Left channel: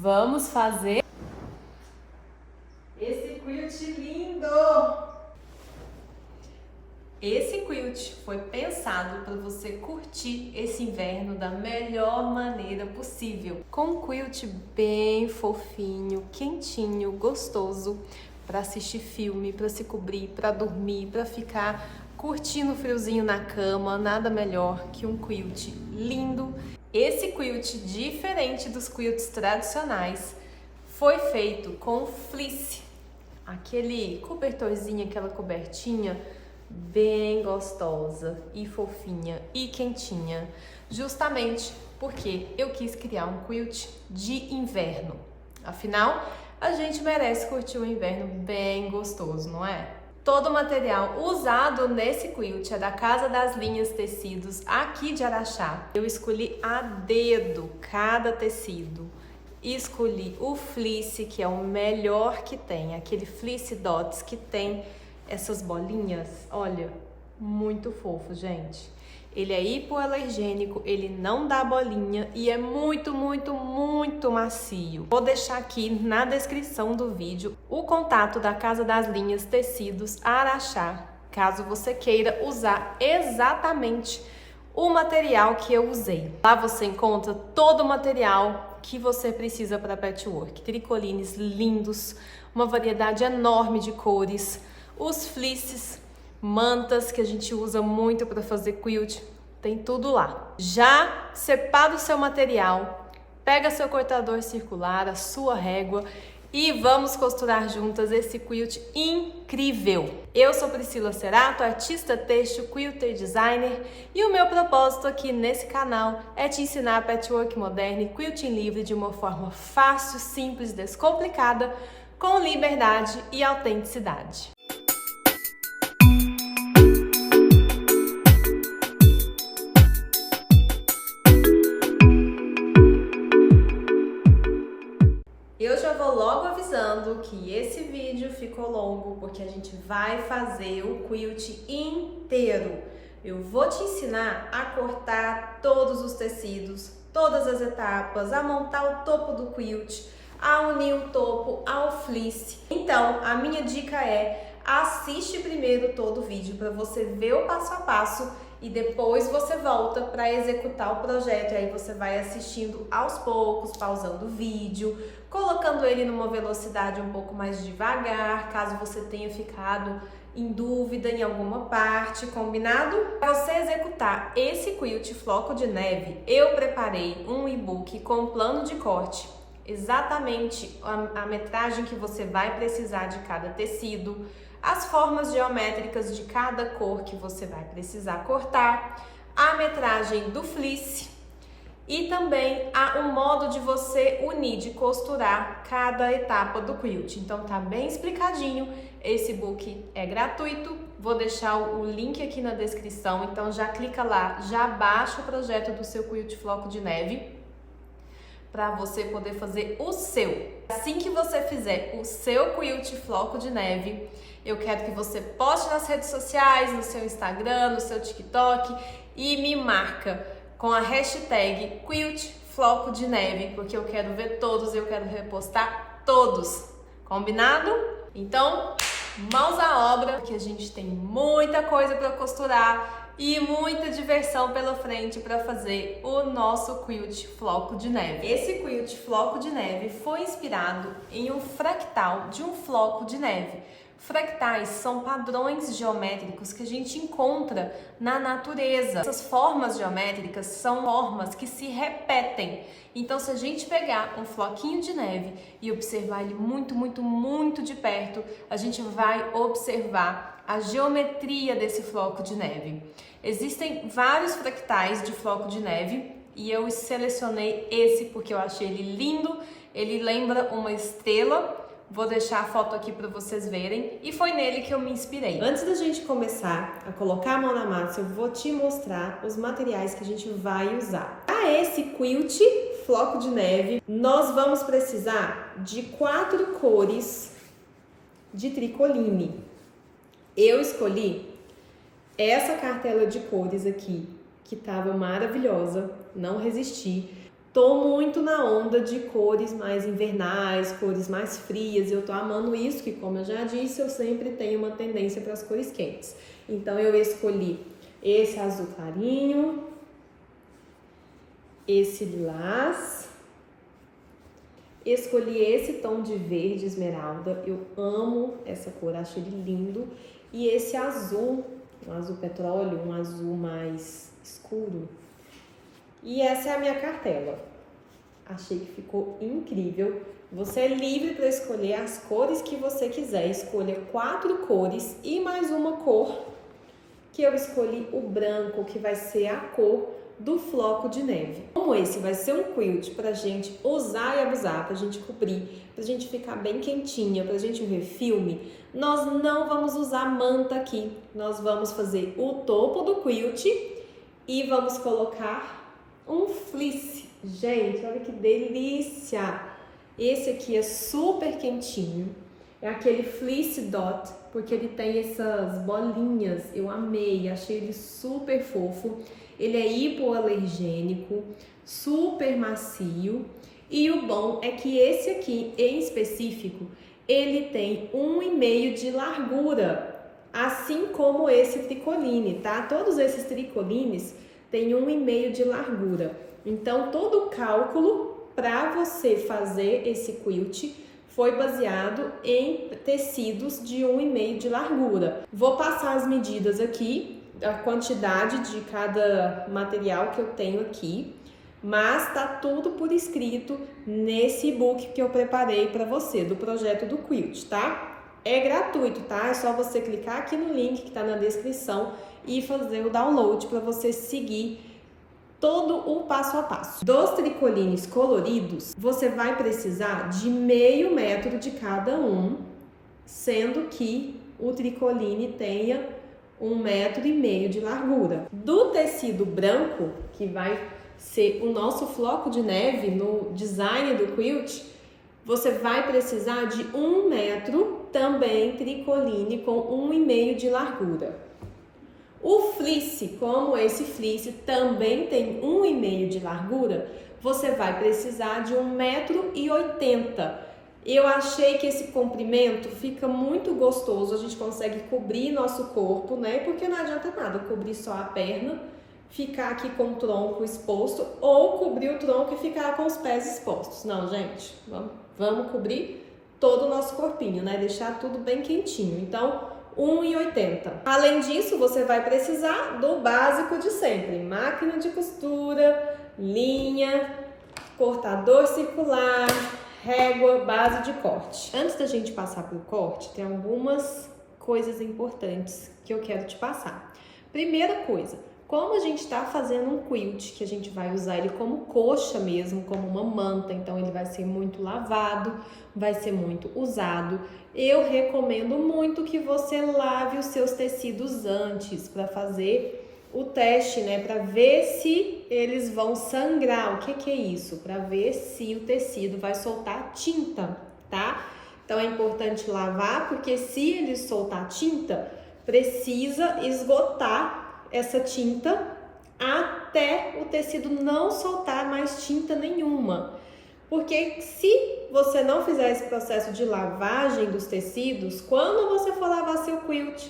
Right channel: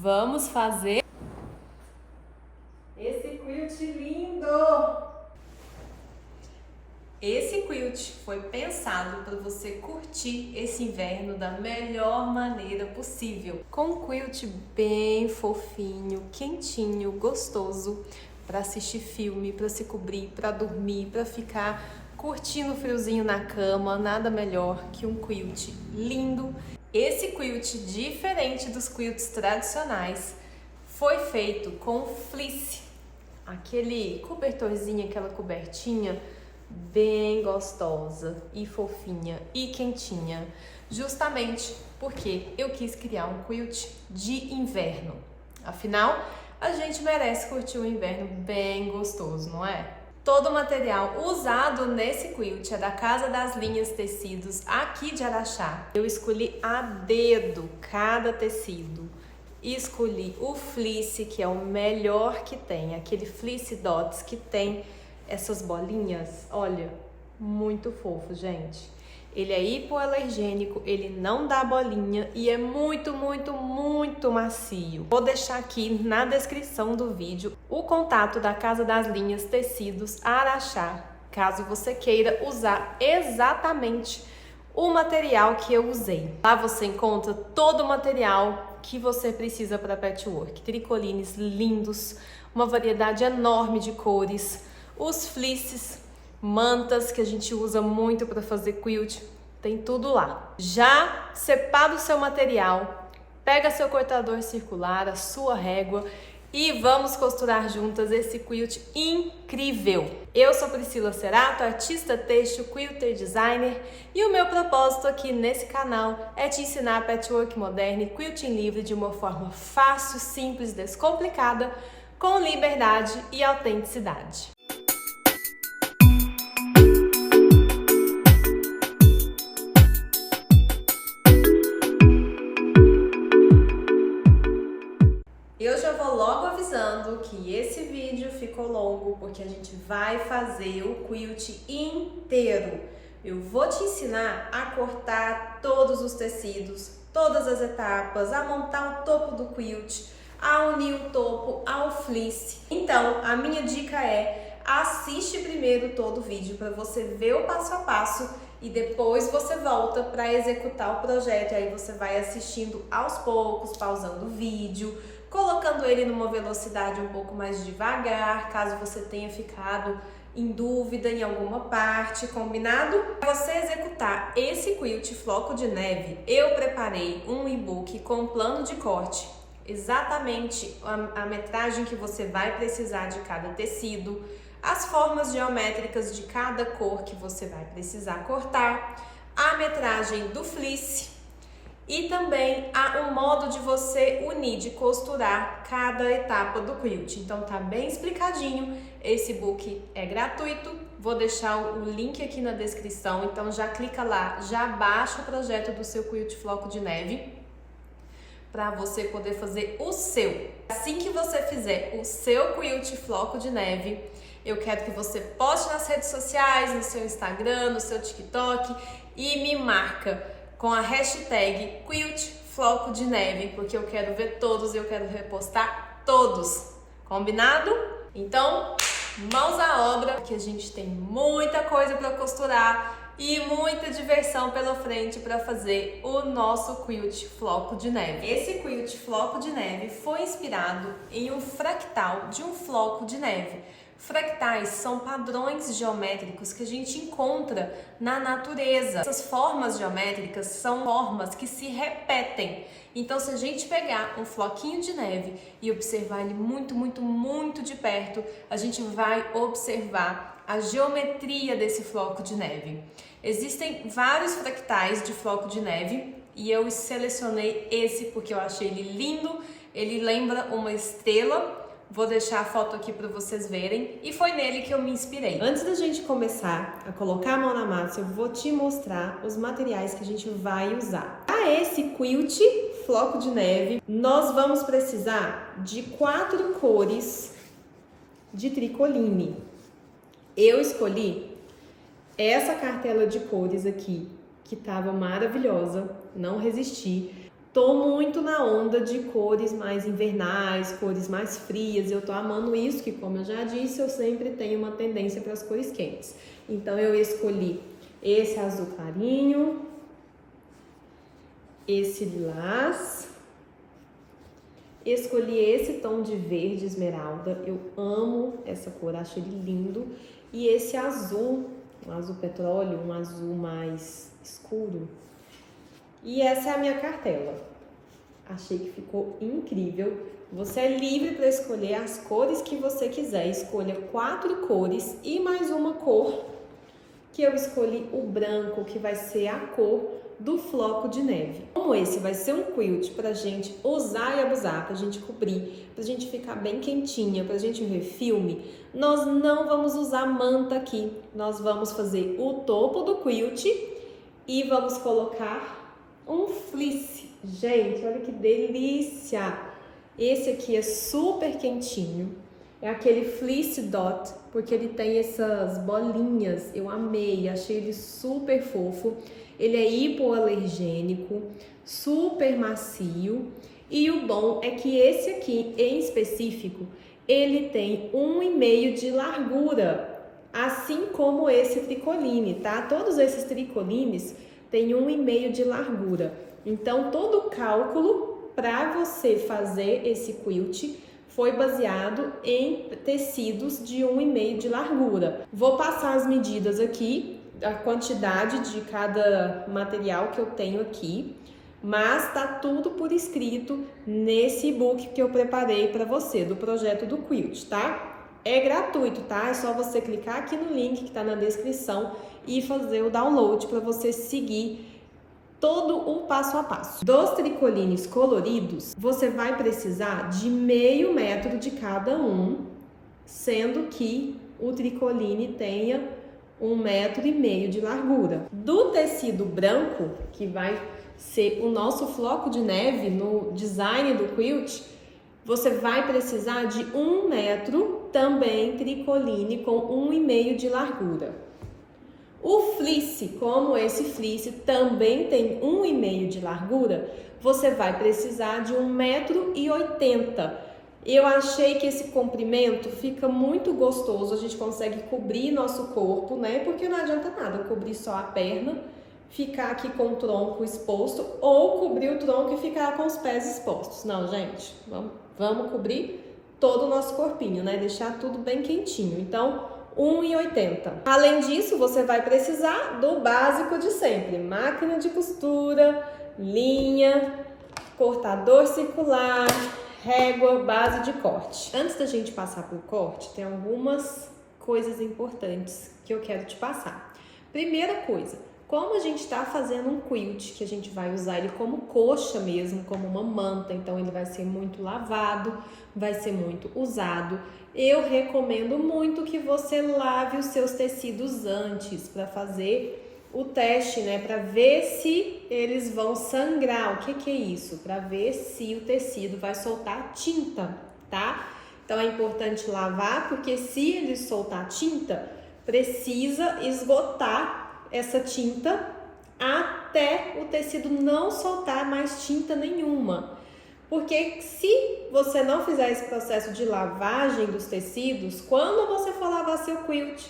Vamos fazer esse quilt lindo! Esse quilt foi pensado para você curtir esse inverno da melhor maneira possível. Com um quilt bem fofinho, quentinho, gostoso, para assistir filme, para se cobrir, para dormir, para ficar curtindo o friozinho na cama. Nada melhor que um quilt lindo. Esse quilt, diferente dos quilts tradicionais, foi feito com fleece, aquele cobertorzinho, aquela cobertinha bem gostosa e fofinha e quentinha, justamente porque eu quis criar um quilt de inverno. Afinal, a gente merece curtir um inverno bem gostoso, não é? Todo o material usado nesse quilt é da Casa das Linhas Tecidos, aqui de Araxá. Eu escolhi a dedo cada tecido. Escolhi o fleece, que é o melhor que tem, aquele fleece dots que tem essas bolinhas. Olha, muito fofo, gente. Ele é hipoalergênico, ele não dá bolinha e é muito macio. Vou deixar aqui na descrição do vídeo o contato da Casa das Linhas Tecidos Araxá, caso você queira usar exatamente o material que eu usei. Lá você encontra todo o material que você precisa para patchwork. Tricolines lindos, uma variedade enorme de cores, os fleeces, mantas que a gente usa muito para fazer quilt, tem tudo lá. Já separa o seu material, pega seu cortador circular, a sua régua e vamos costurar juntas esse quilt incrível. Eu sou Priscila Cerato, artista têxtil, quilter designer, e o meu propósito aqui nesse canal é te ensinar patchwork moderno e quilting livre de uma forma fácil, simples, descomplicada, com liberdade e autenticidade. Eu já vou logo avisando que esse vídeo ficou longo porque a gente vai fazer o quilt inteiro. Eu vou te ensinar a cortar todos os tecidos, todas as etapas, a montar o topo do quilt, a unir o topo ao fleece. Então, a minha dica é: assiste primeiro todo o vídeo para você ver o passo a passo e depois você volta para executar o projeto. E aí você vai assistindo aos poucos, pausando o vídeo, colocando ele numa velocidade um pouco mais devagar, caso você tenha ficado em dúvida em alguma parte, combinado? Para você executar esse quilt floco de neve, eu preparei um e-book com plano de corte, exatamente a metragem que você vai precisar de cada tecido, as formas geométricas de cada cor que você vai precisar cortar, a metragem do fleece e também o modo de você unir, de costurar cada etapa do quilt. Então tá bem explicadinho, esse book é gratuito, vou deixar o link aqui na descrição, então já clica lá, já baixa o projeto do seu quilt floco de neve, para você poder fazer o seu. Assim que você fizer o seu quilt floco de neve, eu quero que você poste nas redes sociais, no seu Instagram, no seu TikTok e me marca com a hashtag quilt floco de neve, porque eu quero ver todos, eu quero repostar todos. Combinado? Então, mãos à obra, que a gente tem muita coisa para costurar e muita diversão pela frente para fazer o nosso quilt floco de neve. Esse quilt floco de neve foi inspirado em um fractal de um floco de neve. Fractais são padrões geométricos que a gente encontra na natureza. Essas formas geométricas são formas que se repetem. Então, se a gente pegar um floquinho de neve e observar ele muito de perto, a gente vai observar a geometria desse floco de neve. Existem vários fractais de floco de neve e eu selecionei esse porque eu achei ele lindo. Ele lembra uma estrela. Vou deixar a foto aqui para vocês verem e foi nele que eu me inspirei. Antes da gente começar a colocar a mão na massa, eu vou te mostrar os materiais que a gente vai usar. Para esse quilt floco de neve, nós vamos precisar de 4 cores de tricoline. Eu escolhi essa cartela de cores aqui, que estava maravilhosa, não resisti. tô muito na onda de cores mais invernais, cores mais frias. Eu tô amando isso, que como eu já disse, eu sempre tenho uma tendência para as cores quentes. Então eu escolhi esse azul clarinho, esse lilás, escolhi esse tom de verde esmeralda. Eu amo essa cor, acho ele lindo. E esse azul, um azul petróleo, um azul mais escuro. E essa é a minha cartela. Achei que ficou incrível. Você é livre para escolher as cores que você quiser. Escolha 4 cores e mais uma cor, que eu escolhi o branco, que vai ser a cor do floco de neve. Como esse vai ser um quilt pra gente usar e abusar, pra gente cobrir, pra gente ficar bem quentinha, pra gente ver filme, nós não vamos usar manta aqui. Nós vamos fazer o topo do quilt e vamos colocar um fleece. Gente, olha que delícia! Esse aqui é super quentinho. É aquele fleece dot, porque ele tem essas bolinhas. Eu amei, achei ele super fofo. Ele é hipoalergênico, super macio. E o bom é que esse aqui, em específico, ele tem 1,5 de largura, assim como esse tricoline, tá? Todos esses tricolines têm 1,5 de largura. Então, todo o cálculo para você fazer esse quilt foi baseado em tecidos de 1,5 de largura. Vou passar as medidas aqui, a quantidade de cada material que eu tenho aqui, mas tá tudo por escrito nesse e-book que eu preparei para você, do projeto do quilt, tá? É gratuito, tá? É só você clicar aqui no link que tá na descrição e fazer o download para você seguir todo o passo a passo. Dos tricolines coloridos, você vai precisar de meio metro de cada um, sendo que o tricoline tenha 1,5 metro de largura. Do tecido branco, que vai ser o nosso floco de neve no design do quilt, você vai precisar de 1 metro, também tricoline com 1,5 de largura. O fleece, como esse fleece também tem 1,5 de largura, você vai precisar de 1,80 m. Eu achei que esse comprimento fica muito gostoso, a gente consegue cobrir nosso corpo, né? Porque não adianta nada cobrir só a perna, ficar aqui com o tronco exposto, ou cobrir o tronco e ficar com os pés expostos. Não, gente, vamos cobrir todo o nosso corpinho, né? Deixar tudo bem quentinho. Então, 1,80 m. Além disso, você vai precisar do básico de sempre: máquina de costura, linha, cortador circular, régua, base de corte. Antes da gente passar para o corte, tem algumas coisas importantes que eu quero te passar. Primeira coisa, como a gente está fazendo um quilt, que a gente vai usar ele como coxa mesmo, como uma manta, então ele vai ser muito lavado, vai ser muito usado. Eu recomendo muito que você lave os seus tecidos antes para fazer o teste, né? Para ver se eles vão sangrar. O que é isso? Para ver se o tecido vai soltar tinta, tá? Então é importante lavar, porque se ele soltar tinta, precisa esgotar essa tinta até o tecido não soltar mais tinta nenhuma. Porque se você não fizer esse processo de lavagem dos tecidos, quando você for lavar seu quilt,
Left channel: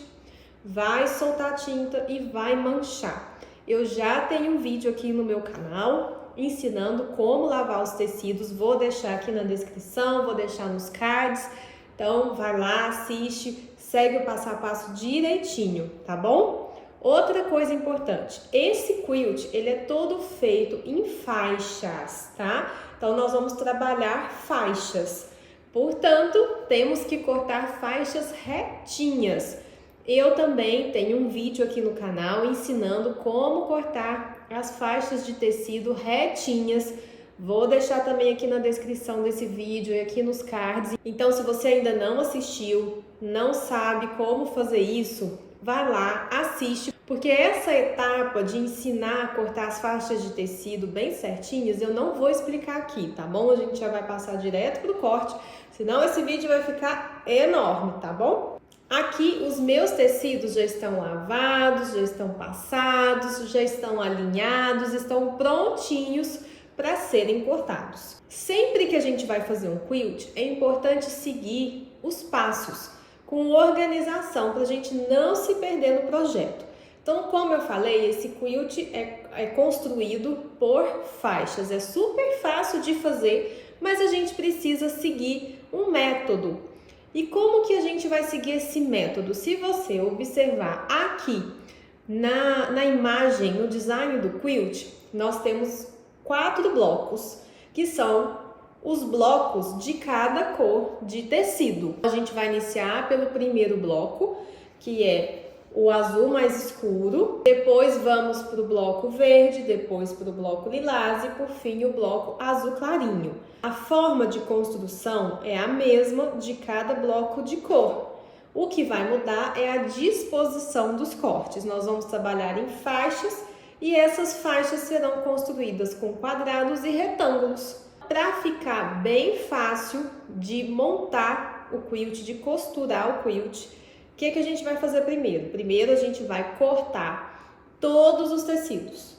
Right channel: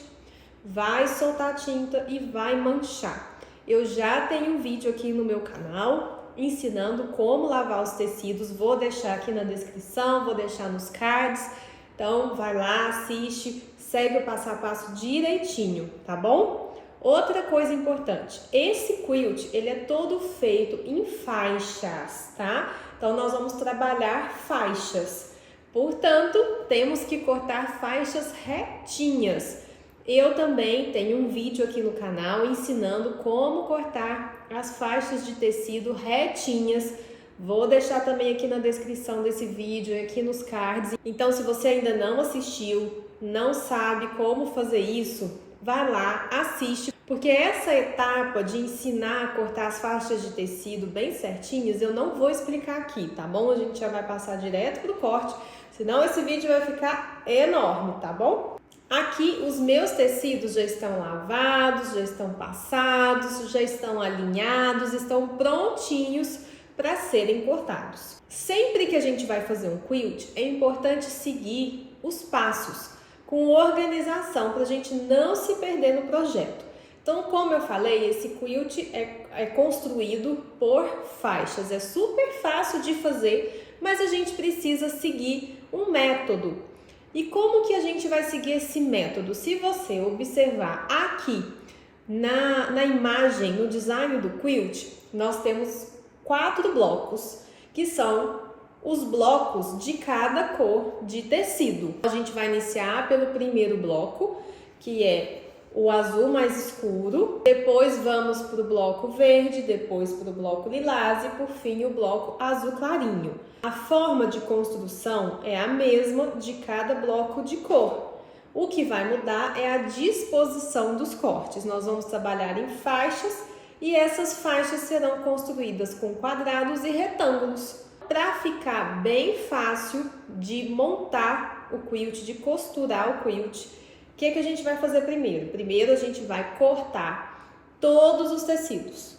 vai soltar tinta e vai manchar. Eu já tenho um vídeo aqui no meu canal ensinando como lavar os tecidos, vou deixar aqui na descrição, vou deixar nos cards. Então vai lá, assiste, segue o passo a passo direitinho, tá bom? Outra coisa importante, esse quilt, ele é todo feito em faixas, tá? Então, nós vamos trabalhar faixas. Portanto, temos que cortar faixas retinhas. Eu também tenho um vídeo aqui no canal ensinando como cortar as faixas de tecido retinhas. Vou deixar também aqui na descrição desse vídeo e aqui nos cards. Então, se você ainda não assistiu, não sabe como fazer isso, vai lá, assiste, porque essa etapa de ensinar a cortar as faixas de tecido bem certinhas, eu não vou explicar aqui, tá bom? A gente já vai passar direto pro corte, senão esse vídeo vai ficar enorme, tá bom? Aqui os meus tecidos já estão lavados, já estão passados, já estão alinhados, estão prontinhos para serem cortados. Sempre que a gente vai fazer um quilt, é importante seguir os passos com organização para a gente não se perder no projeto. Então, como eu falei, esse quilt é construído por faixas. É super fácil de fazer, mas a gente precisa seguir um método. E como que a gente vai seguir esse método? Se você observar aqui na imagem, no design do quilt, nós temos 4 blocos, que são os blocos de cada cor de tecido. A gente vai iniciar pelo primeiro bloco, que é o azul mais escuro, depois vamos para o bloco verde, depois para o bloco lilás e por fim o bloco azul clarinho. A forma de construção é a mesma de cada bloco de cor. O que vai mudar é a disposição dos cortes. Nós vamos trabalhar em faixas e essas faixas serão construídas com quadrados e retângulos. Para ficar bem fácil de montar o quilt, de costurar o quilt, o que a gente vai fazer primeiro? Primeiro a gente vai cortar todos os tecidos.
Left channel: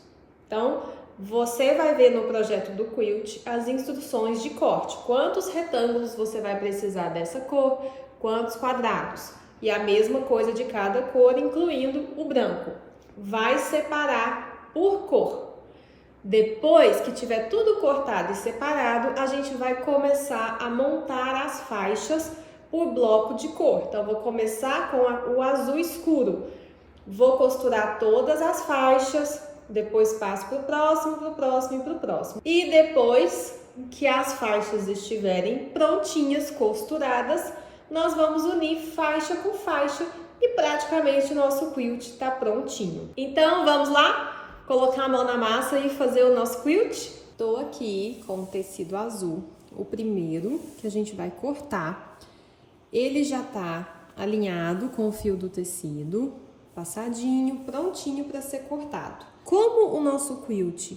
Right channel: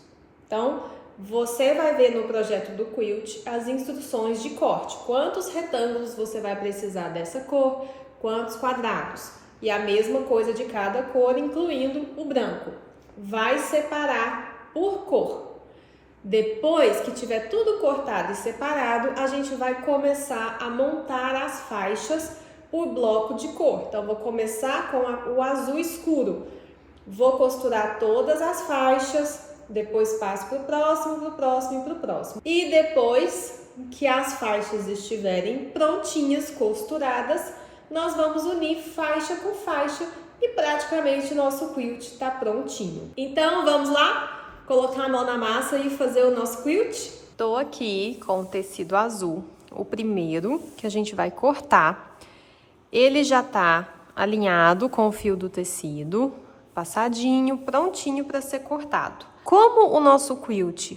Então, você vai ver no projeto do quilt as instruções de corte. Quantos retângulos você vai precisar dessa cor, quantos quadrados. E a mesma coisa de cada cor, incluindo o branco. Vai separar por cor. Depois que tiver tudo cortado e separado, a gente vai começar a montar as faixas por bloco de cor. Então, vou começar com o azul escuro. Vou costurar todas as faixas, depois passo para o próximo e para o próximo. E depois que as faixas estiverem prontinhas, costuradas, nós vamos unir faixa com faixa e praticamente o nosso quilt está prontinho. Então, vamos lá? Colocar a mão na massa e fazer o nosso quilt? Estou aqui com o tecido azul, o primeiro que a gente vai cortar. Ele já tá alinhado com o fio do tecido, passadinho, prontinho para ser cortado. Como o nosso quilt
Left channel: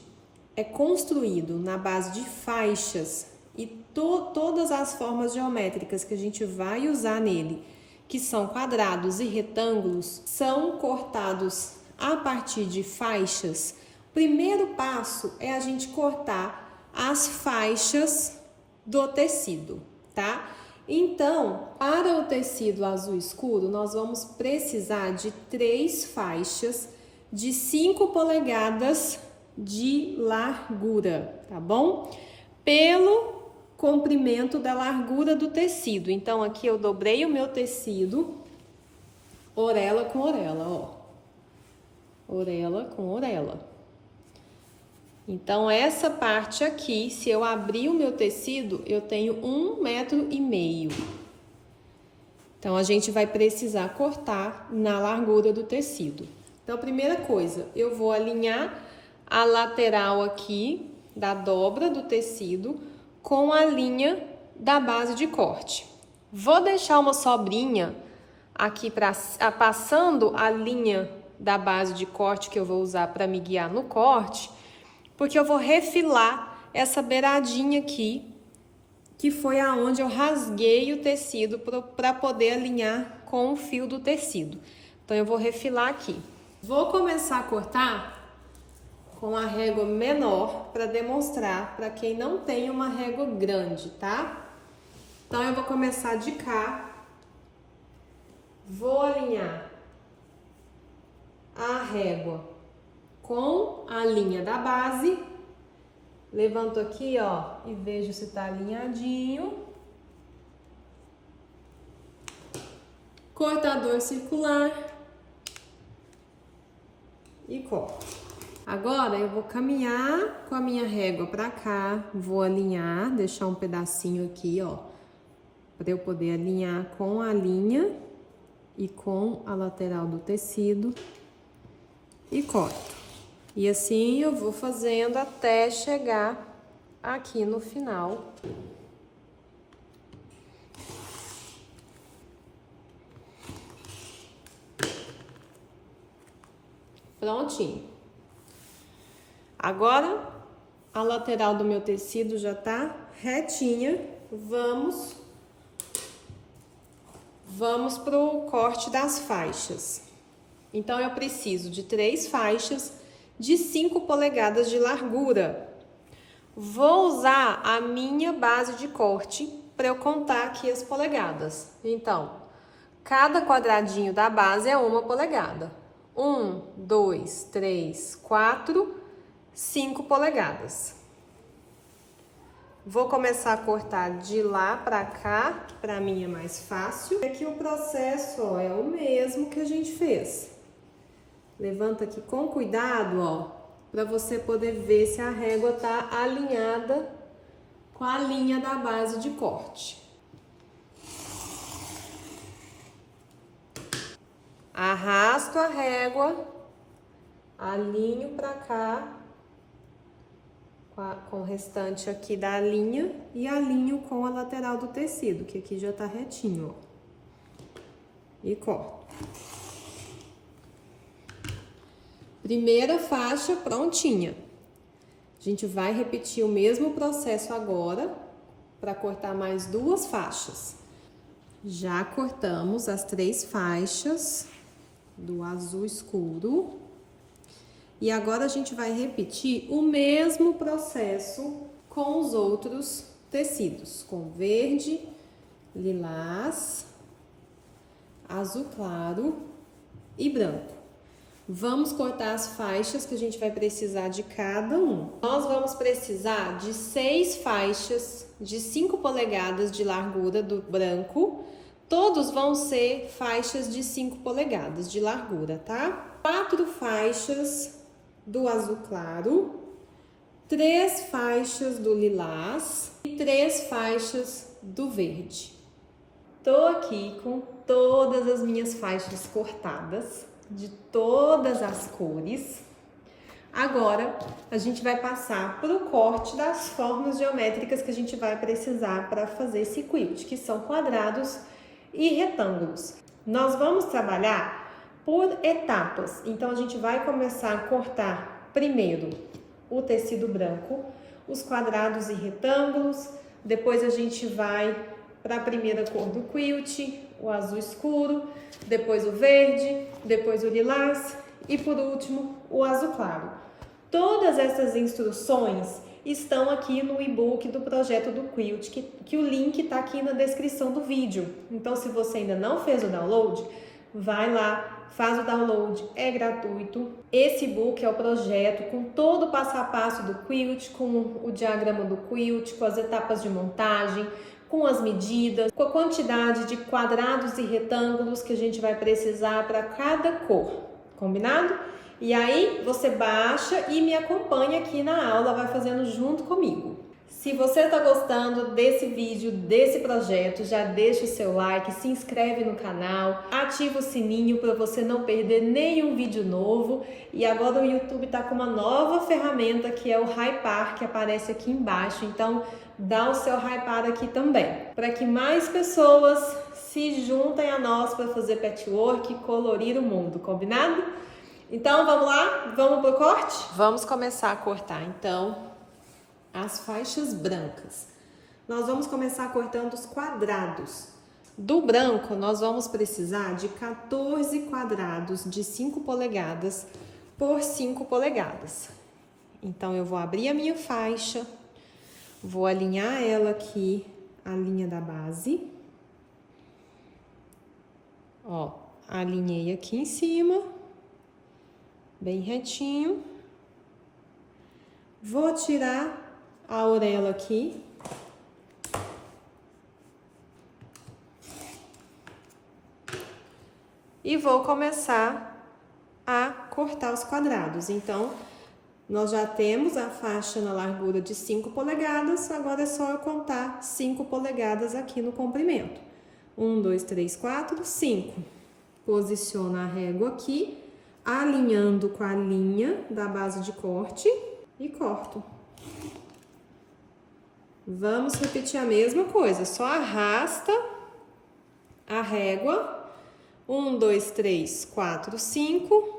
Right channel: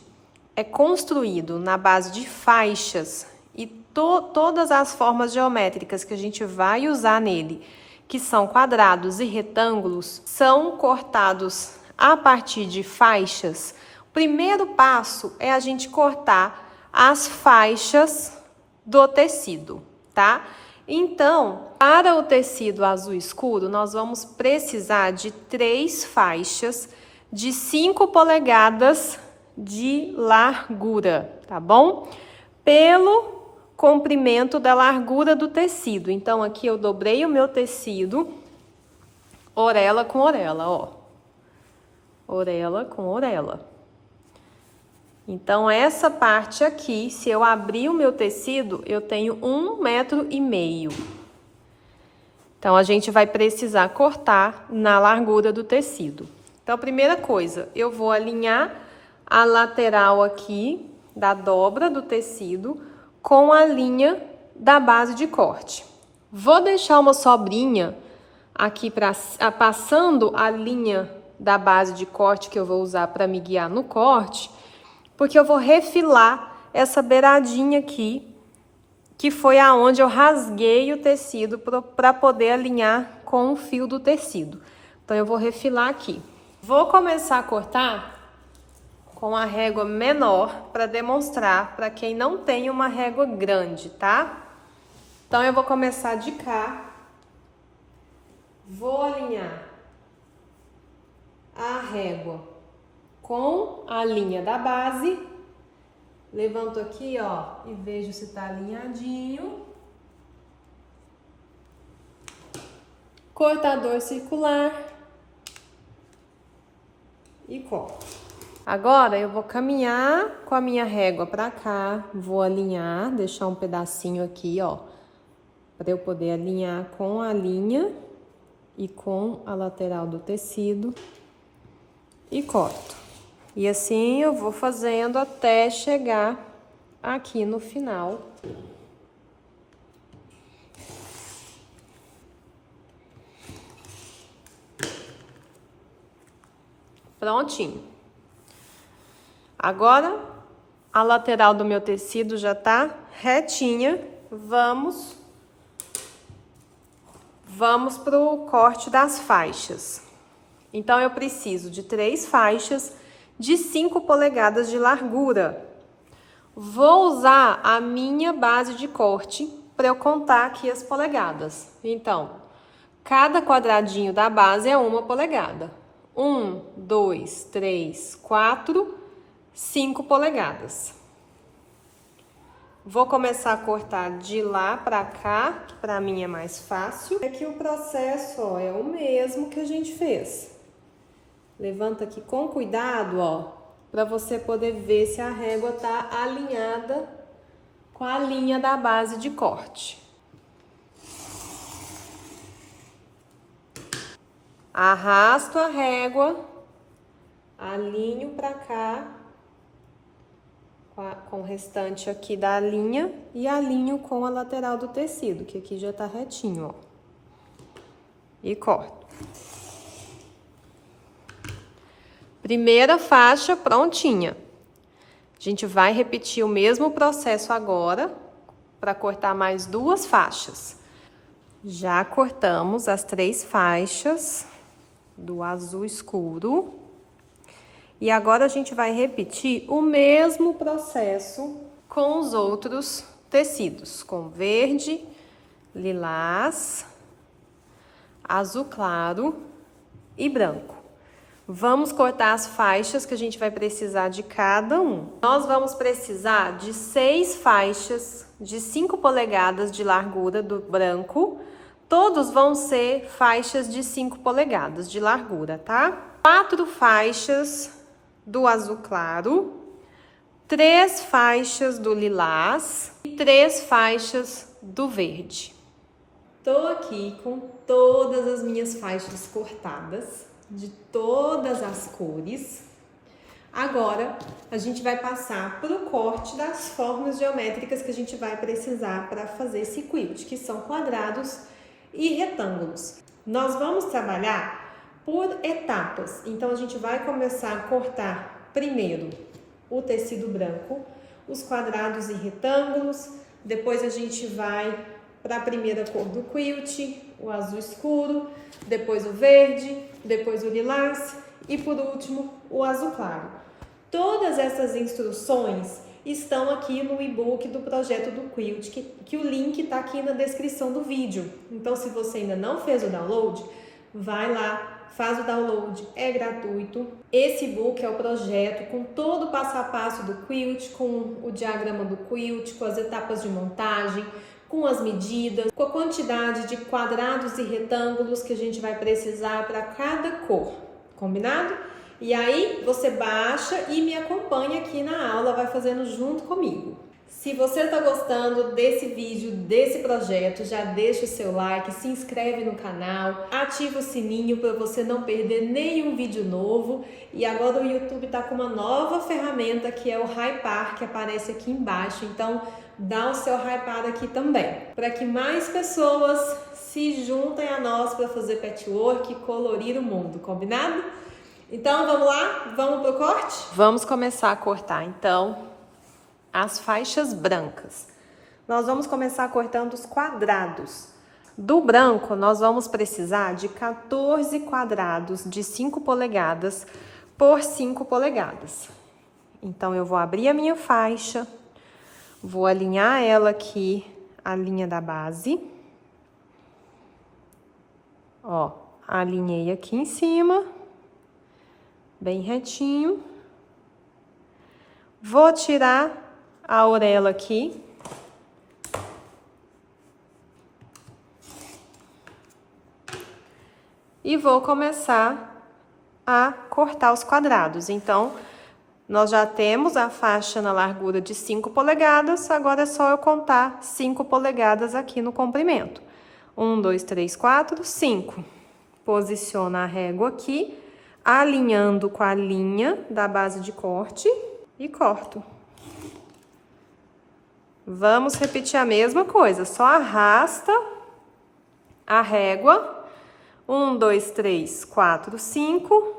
é construído na base de faixas e todas as formas geométricas que a gente vai usar nele, que são quadrados e retângulos, são cortados a partir de faixas, o primeiro passo é a gente cortar as faixas do tecido, tá? Então, para o tecido azul escuro, nós vamos precisar de 3 faixas de 5 polegadas de largura, tá bom? Pelo comprimento da largura do tecido. Então, aqui eu dobrei o meu tecido, orelha com orelha, ó. Orelha com orelha. Então, essa parte aqui, se eu abrir o meu tecido, eu tenho 1,5 metro. Então, a gente vai precisar cortar na largura do tecido. Então, a primeira coisa, eu vou alinhar a lateral aqui da dobra do tecido com a linha da base de corte. Vou deixar uma sobrinha aqui passando a linha da base de corte que eu vou usar para me guiar no corte, porque eu vou refilar essa beiradinha aqui, que foi aonde eu rasguei o tecido para poder alinhar com o fio do tecido. Então, eu vou refilar aqui. Vou começar a cortar com a régua menor para demonstrar para quem não tem uma régua grande, tá? Então, eu vou começar de cá. Vou alinhar a régua com a linha da base. Levanto aqui, ó, e vejo se tá alinhadinho. Cortador circular. E corto. Agora, eu vou caminhar com a minha régua pra cá. Vou alinhar, deixar um pedacinho aqui, ó, pra eu poder alinhar com a linha e com a lateral do tecido. E corto. E assim eu vou fazendo até chegar aqui no final. Prontinho. Agora, a lateral do meu tecido já tá retinha. Vamos pro corte das faixas. Então, eu preciso de 3 faixas de 5 polegadas de largura. Vou usar a minha base de corte para eu contar aqui as polegadas. Então, cada quadradinho da base é 1 polegada. 1, 2, 3, 4, 5 polegadas. Vou começar a cortar de lá para cá, que para mim é mais fácil. Aqui o processo, ó, é o mesmo que a gente fez. Levanta aqui com cuidado, ó, para você poder ver se a régua tá alinhada com a linha da base de corte. Arrasto a régua, alinho para cá, com o restante aqui da linha e alinho com a lateral do tecido, que aqui já tá retinho, ó. E corto. Primeira faixa prontinha. A gente vai repetir o mesmo processo agora para cortar mais 2 faixas. Já cortamos as 3 faixas do azul escuro. E agora a gente vai repetir o mesmo processo com os outros tecidos, com verde, lilás, azul claro e branco. Vamos cortar as faixas que a gente vai precisar de cada um. Nós vamos precisar de 6 faixas de 5 polegadas de largura do branco. Todos vão ser faixas de 5 polegadas de largura, tá? 4 faixas do azul claro, 3 faixas do lilás e 3 faixas do verde. Tô aqui com todas as minhas faixas cortadas, de todas as cores. Agora, a gente vai passar para o corte das formas geométricas que a gente vai precisar para fazer esse quilt, que são quadrados e retângulos. Nós vamos trabalhar por etapas. Então, a gente vai começar a cortar primeiro o tecido branco, os quadrados e retângulos. Depois a gente vai para a primeira cor do quilt, o azul escuro, depois o verde, depois o lilás e por último o azul claro. Todas essas instruções estão aqui no e-book do projeto do quilt, que o link está aqui na descrição do vídeo. Então, se você ainda não fez o download, vai lá, faz o download, é gratuito. Esse e-book é o projeto com todo o passo a passo do quilt, com o diagrama do quilt, com as etapas de montagem, com as medidas, com a quantidade de quadrados e retângulos que a gente vai precisar para cada cor, combinado? E aí você baixa e me acompanha aqui na aula, vai fazendo junto comigo. Se você está gostando desse vídeo, desse projeto, já deixa o seu like, se inscreve no canal, ativa o sininho para você não perder nenhum vídeo novo. E agora o YouTube está com uma nova ferramenta que é o Hypar, que aparece aqui embaixo. Então, dá o seu Hypar aqui também, para que mais pessoas se juntem a nós para fazer patchwork e colorir o mundo, combinado? Então, vamos lá? Vamos pro corte? Vamos começar a cortar, então, as faixas brancas. Nós vamos começar cortando os quadrados. Do branco, nós vamos precisar de 14 quadrados de 5 polegadas por 5 polegadas. Então, eu vou abrir a minha faixa, vou alinhar ela aqui, a linha da base. Ó, alinhei aqui em cima, bem retinho. Vou tirar a orelha aqui. E vou começar a cortar os quadrados. Então, nós já temos a faixa na largura de 5 polegadas, agora é só eu contar 5 polegadas aqui no comprimento. 1, 2, 3, 4, 5. Posiciona a régua aqui, alinhando com a linha da base de corte e corto. Vamos repetir a mesma coisa, só arrasta a régua. 1, 2, 3, 4, 5.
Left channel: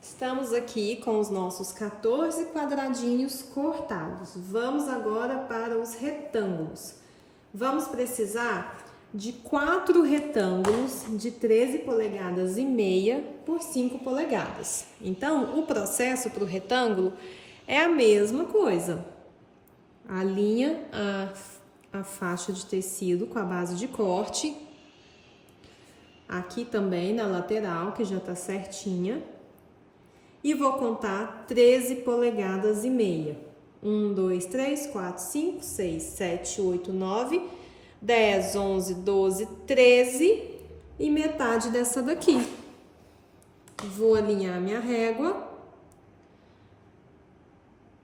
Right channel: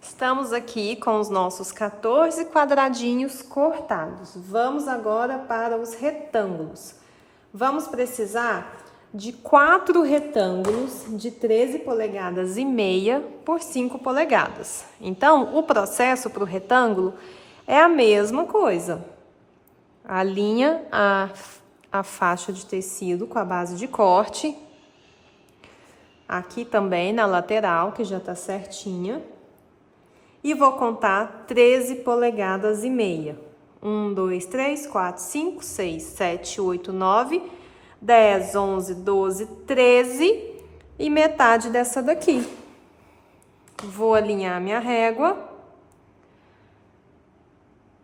Estamos aqui com os nossos 14 quadradinhos cortados. Vamos agora para os retângulos. Vamos precisar de 4 retângulos de 13 polegadas e meia por 5 polegadas. Então, o processo para o retângulo é a mesma coisa. Alinha a faixa de tecido com a base de corte. Aqui também na lateral, que já tá certinha. E vou contar 13 polegadas e meia. 1, 2, 3, 4, 5, 6, 7, 8, 9, 10, 11, 12, 13 e metade dessa daqui. Vou alinhar minha régua.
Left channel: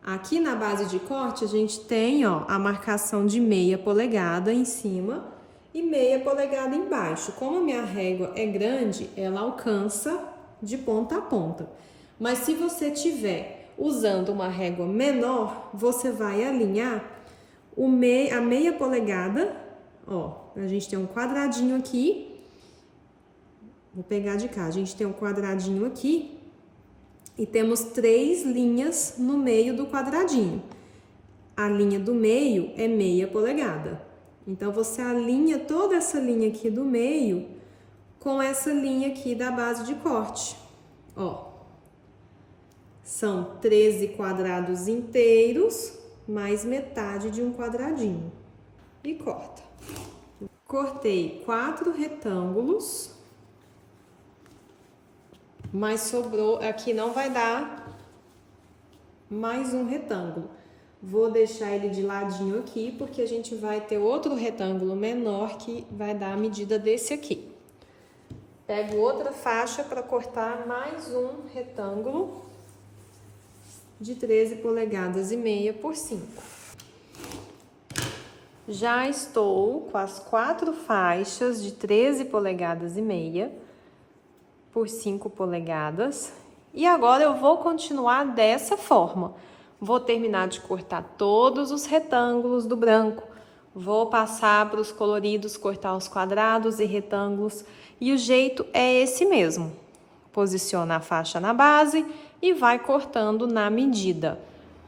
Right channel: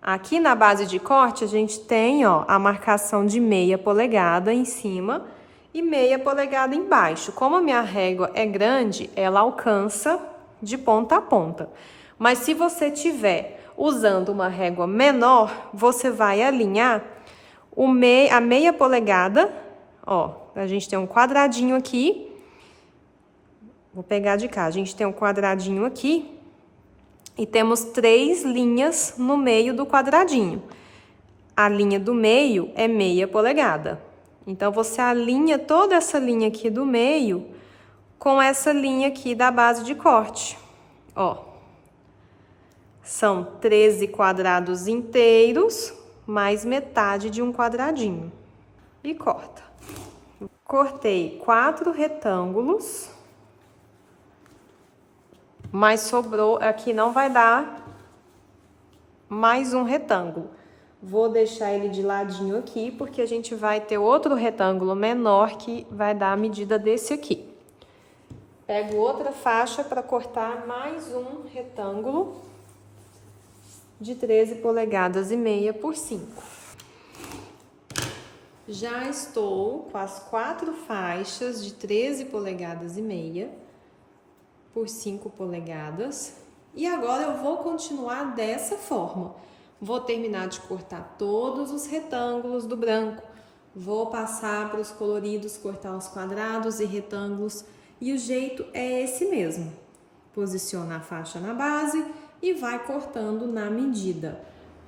Aqui na base de corte, a gente tem, ó, a marcação de meia polegada em cima e meia polegada embaixo. Como a minha régua é grande, ela alcança de ponta a ponta. Mas se você tiver usando uma régua menor, você vai alinhar a meia polegada, ó, a gente tem um quadradinho aqui. Vou pegar de cá, a gente tem um quadradinho aqui. E temos 3 linhas no meio do quadradinho. A linha do meio é meia polegada. Então, você alinha toda essa linha aqui do meio com essa linha aqui da base de corte. Ó, são 13 quadrados inteiros, mais metade de um quadradinho. E corta. Cortei 4 retângulos. Mas sobrou, aqui não vai dar mais um retângulo. Vou deixar ele de ladinho aqui, porque a gente vai ter outro retângulo menor que vai dar a medida desse aqui. Pego outra faixa para cortar mais um retângulo de 13 polegadas e meia por 5. Já estou com as 4 faixas de 13 polegadas e meia por 5 polegadas. E agora eu vou continuar dessa forma. Vou terminar de cortar todos os retângulos do branco. Vou passar para os coloridos, cortar os quadrados e retângulos. E o jeito é esse mesmo. Posiciona a faixa na base e vai cortando na medida.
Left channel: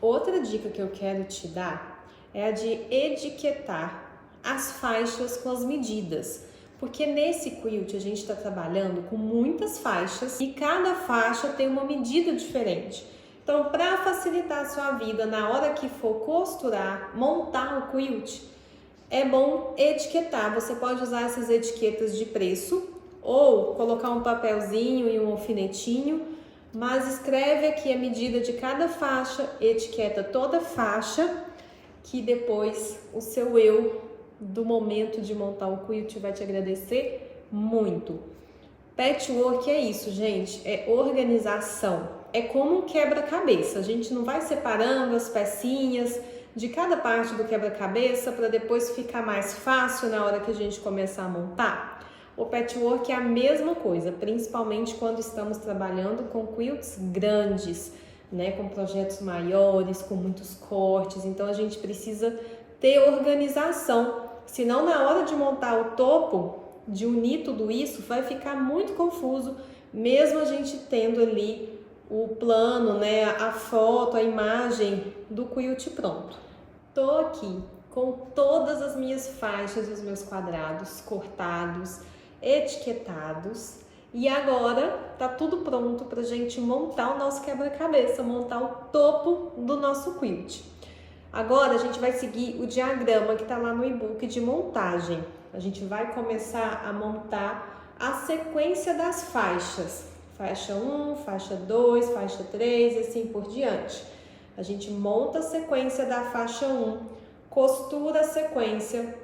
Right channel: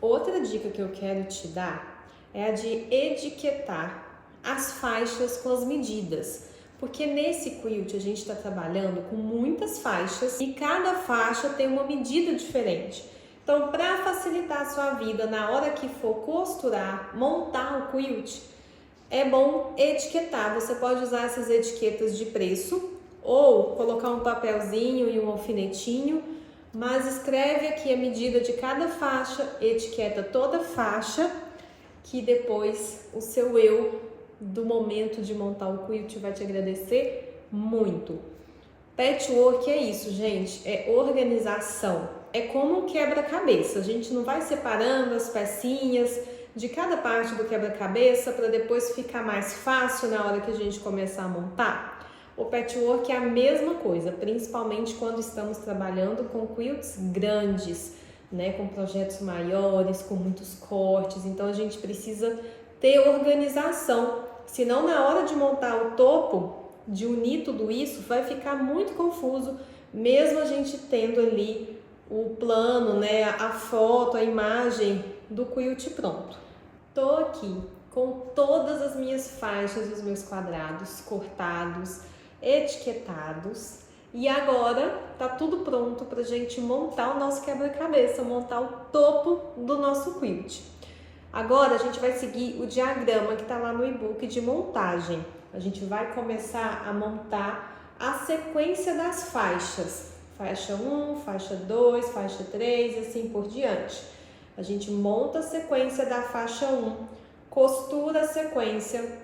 Outra dica que eu quero te dar é a de etiquetar as faixas com as medidas. Porque nesse quilt a gente está trabalhando com muitas faixas e cada faixa tem uma medida diferente. Então, para facilitar a sua vida na hora que for costurar, montar o quilt, é bom etiquetar. Você pode usar essas etiquetas de preço ou colocar um papelzinho e um alfinetinho, mas escreve aqui a medida de cada faixa, etiqueta toda faixa, que depois o seu eu do momento de montar o quilt vai te agradecer muito. Patchwork é isso, gente, é organização, é como um quebra-cabeça. A gente não vai separando as pecinhas de cada parte do quebra-cabeça para depois ficar mais fácil na hora que a gente começar a montar. O patchwork é a mesma coisa, principalmente quando estamos trabalhando com quilts grandes, né, com projetos maiores, com muitos cortes. Então a gente precisa ter organização. Senão, na hora de montar o topo, de unir tudo isso, vai ficar muito confuso, mesmo a gente tendo ali o plano, né, a foto, a imagem do quilt pronto. Tô aqui com todas as minhas faixas e os meus quadrados cortados, etiquetados, e agora tá tudo pronto pra gente montar o nosso quebra-cabeça, montar o topo do nosso quilt. Agora a gente vai seguir o diagrama que tá lá no e-book de montagem. A gente vai começar a montar a sequência das faixas. Faixa 1, faixa 2, faixa 3 e assim por diante. A gente monta a sequência da faixa 1, costura a sequência,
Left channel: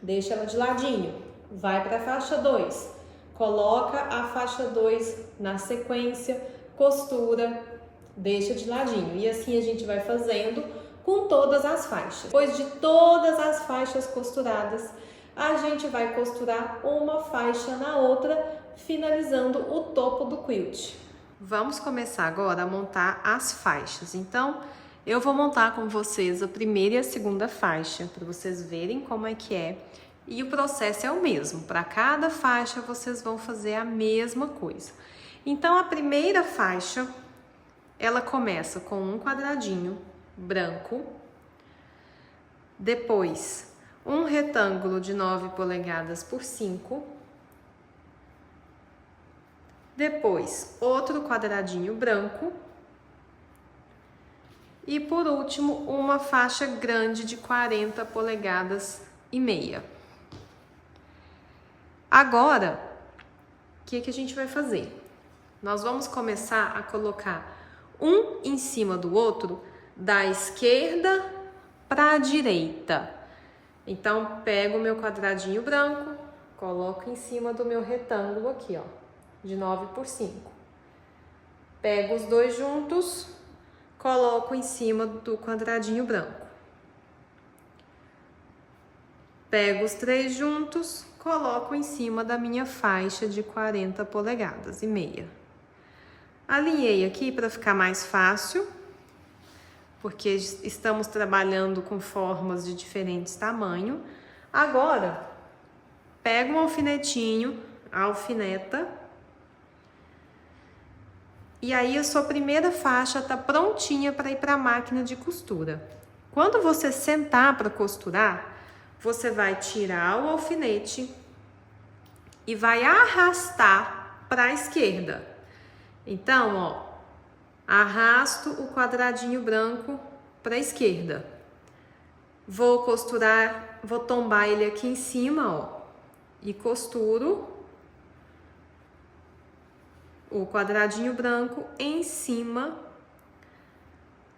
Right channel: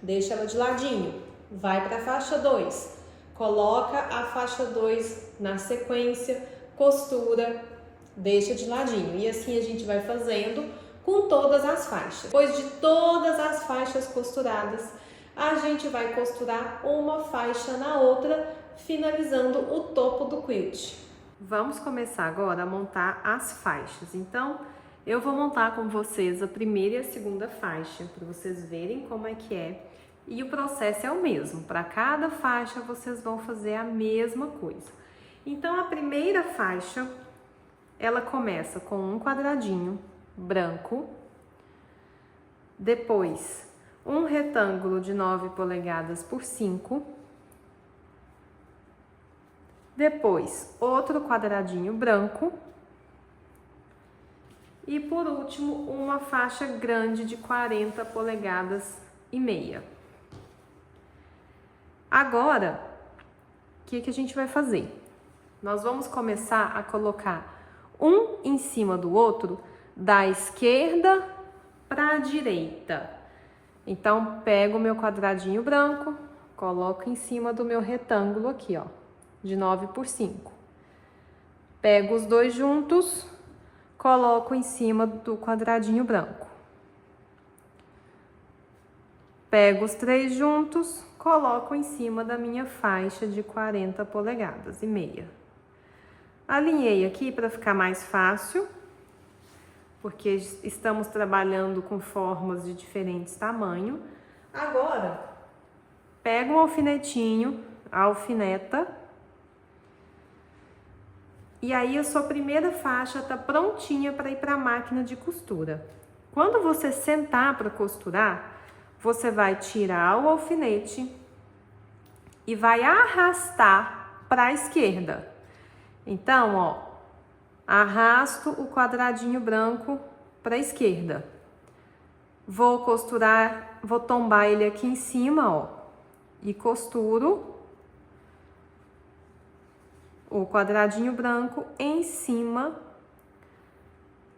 deixa ela de ladinho, vai para a faixa 2, coloca a faixa 2 na sequência, costura, deixa de ladinho. E assim a gente vai fazendo com todas as faixas. Depois de todas as faixas costuradas, a gente vai costurar uma faixa na outra, finalizando o topo do quilt. Vamos começar agora a montar as faixas. Então, eu vou montar com vocês a primeira e a segunda faixa, para vocês verem como é que é. E o processo é o mesmo. Para cada faixa, vocês vão fazer a mesma coisa. Então, a primeira faixa, ela começa com um quadradinho branco, depois um retângulo de 9 polegadas por 5, depois outro quadradinho branco e por último uma faixa grande de 40 polegadas e meia. Agora, o que a gente vai fazer? Nós vamos começar a colocar um em cima do outro, da esquerda para a direita. Então, pego o meu quadradinho branco, coloco em cima do meu retângulo aqui, ó, de 9 por 5. Pego os dois juntos, coloco em cima do quadradinho branco. Pego os três juntos, coloco em cima da minha faixa de 40 polegadas e meia. Alinhei aqui para ficar mais fácil, porque estamos trabalhando com formas de diferentes tamanhos. Agora, pega um alfinetinho, alfineta, e aí a sua primeira faixa está prontinha para ir para a máquina de costura. Quando você sentar para costurar, você vai tirar o alfinete e vai arrastar para a esquerda. Então, ó, arrasto o quadradinho branco para a esquerda. Vou costurar, vou tombar ele aqui em cima, ó, e costuro o quadradinho branco em cima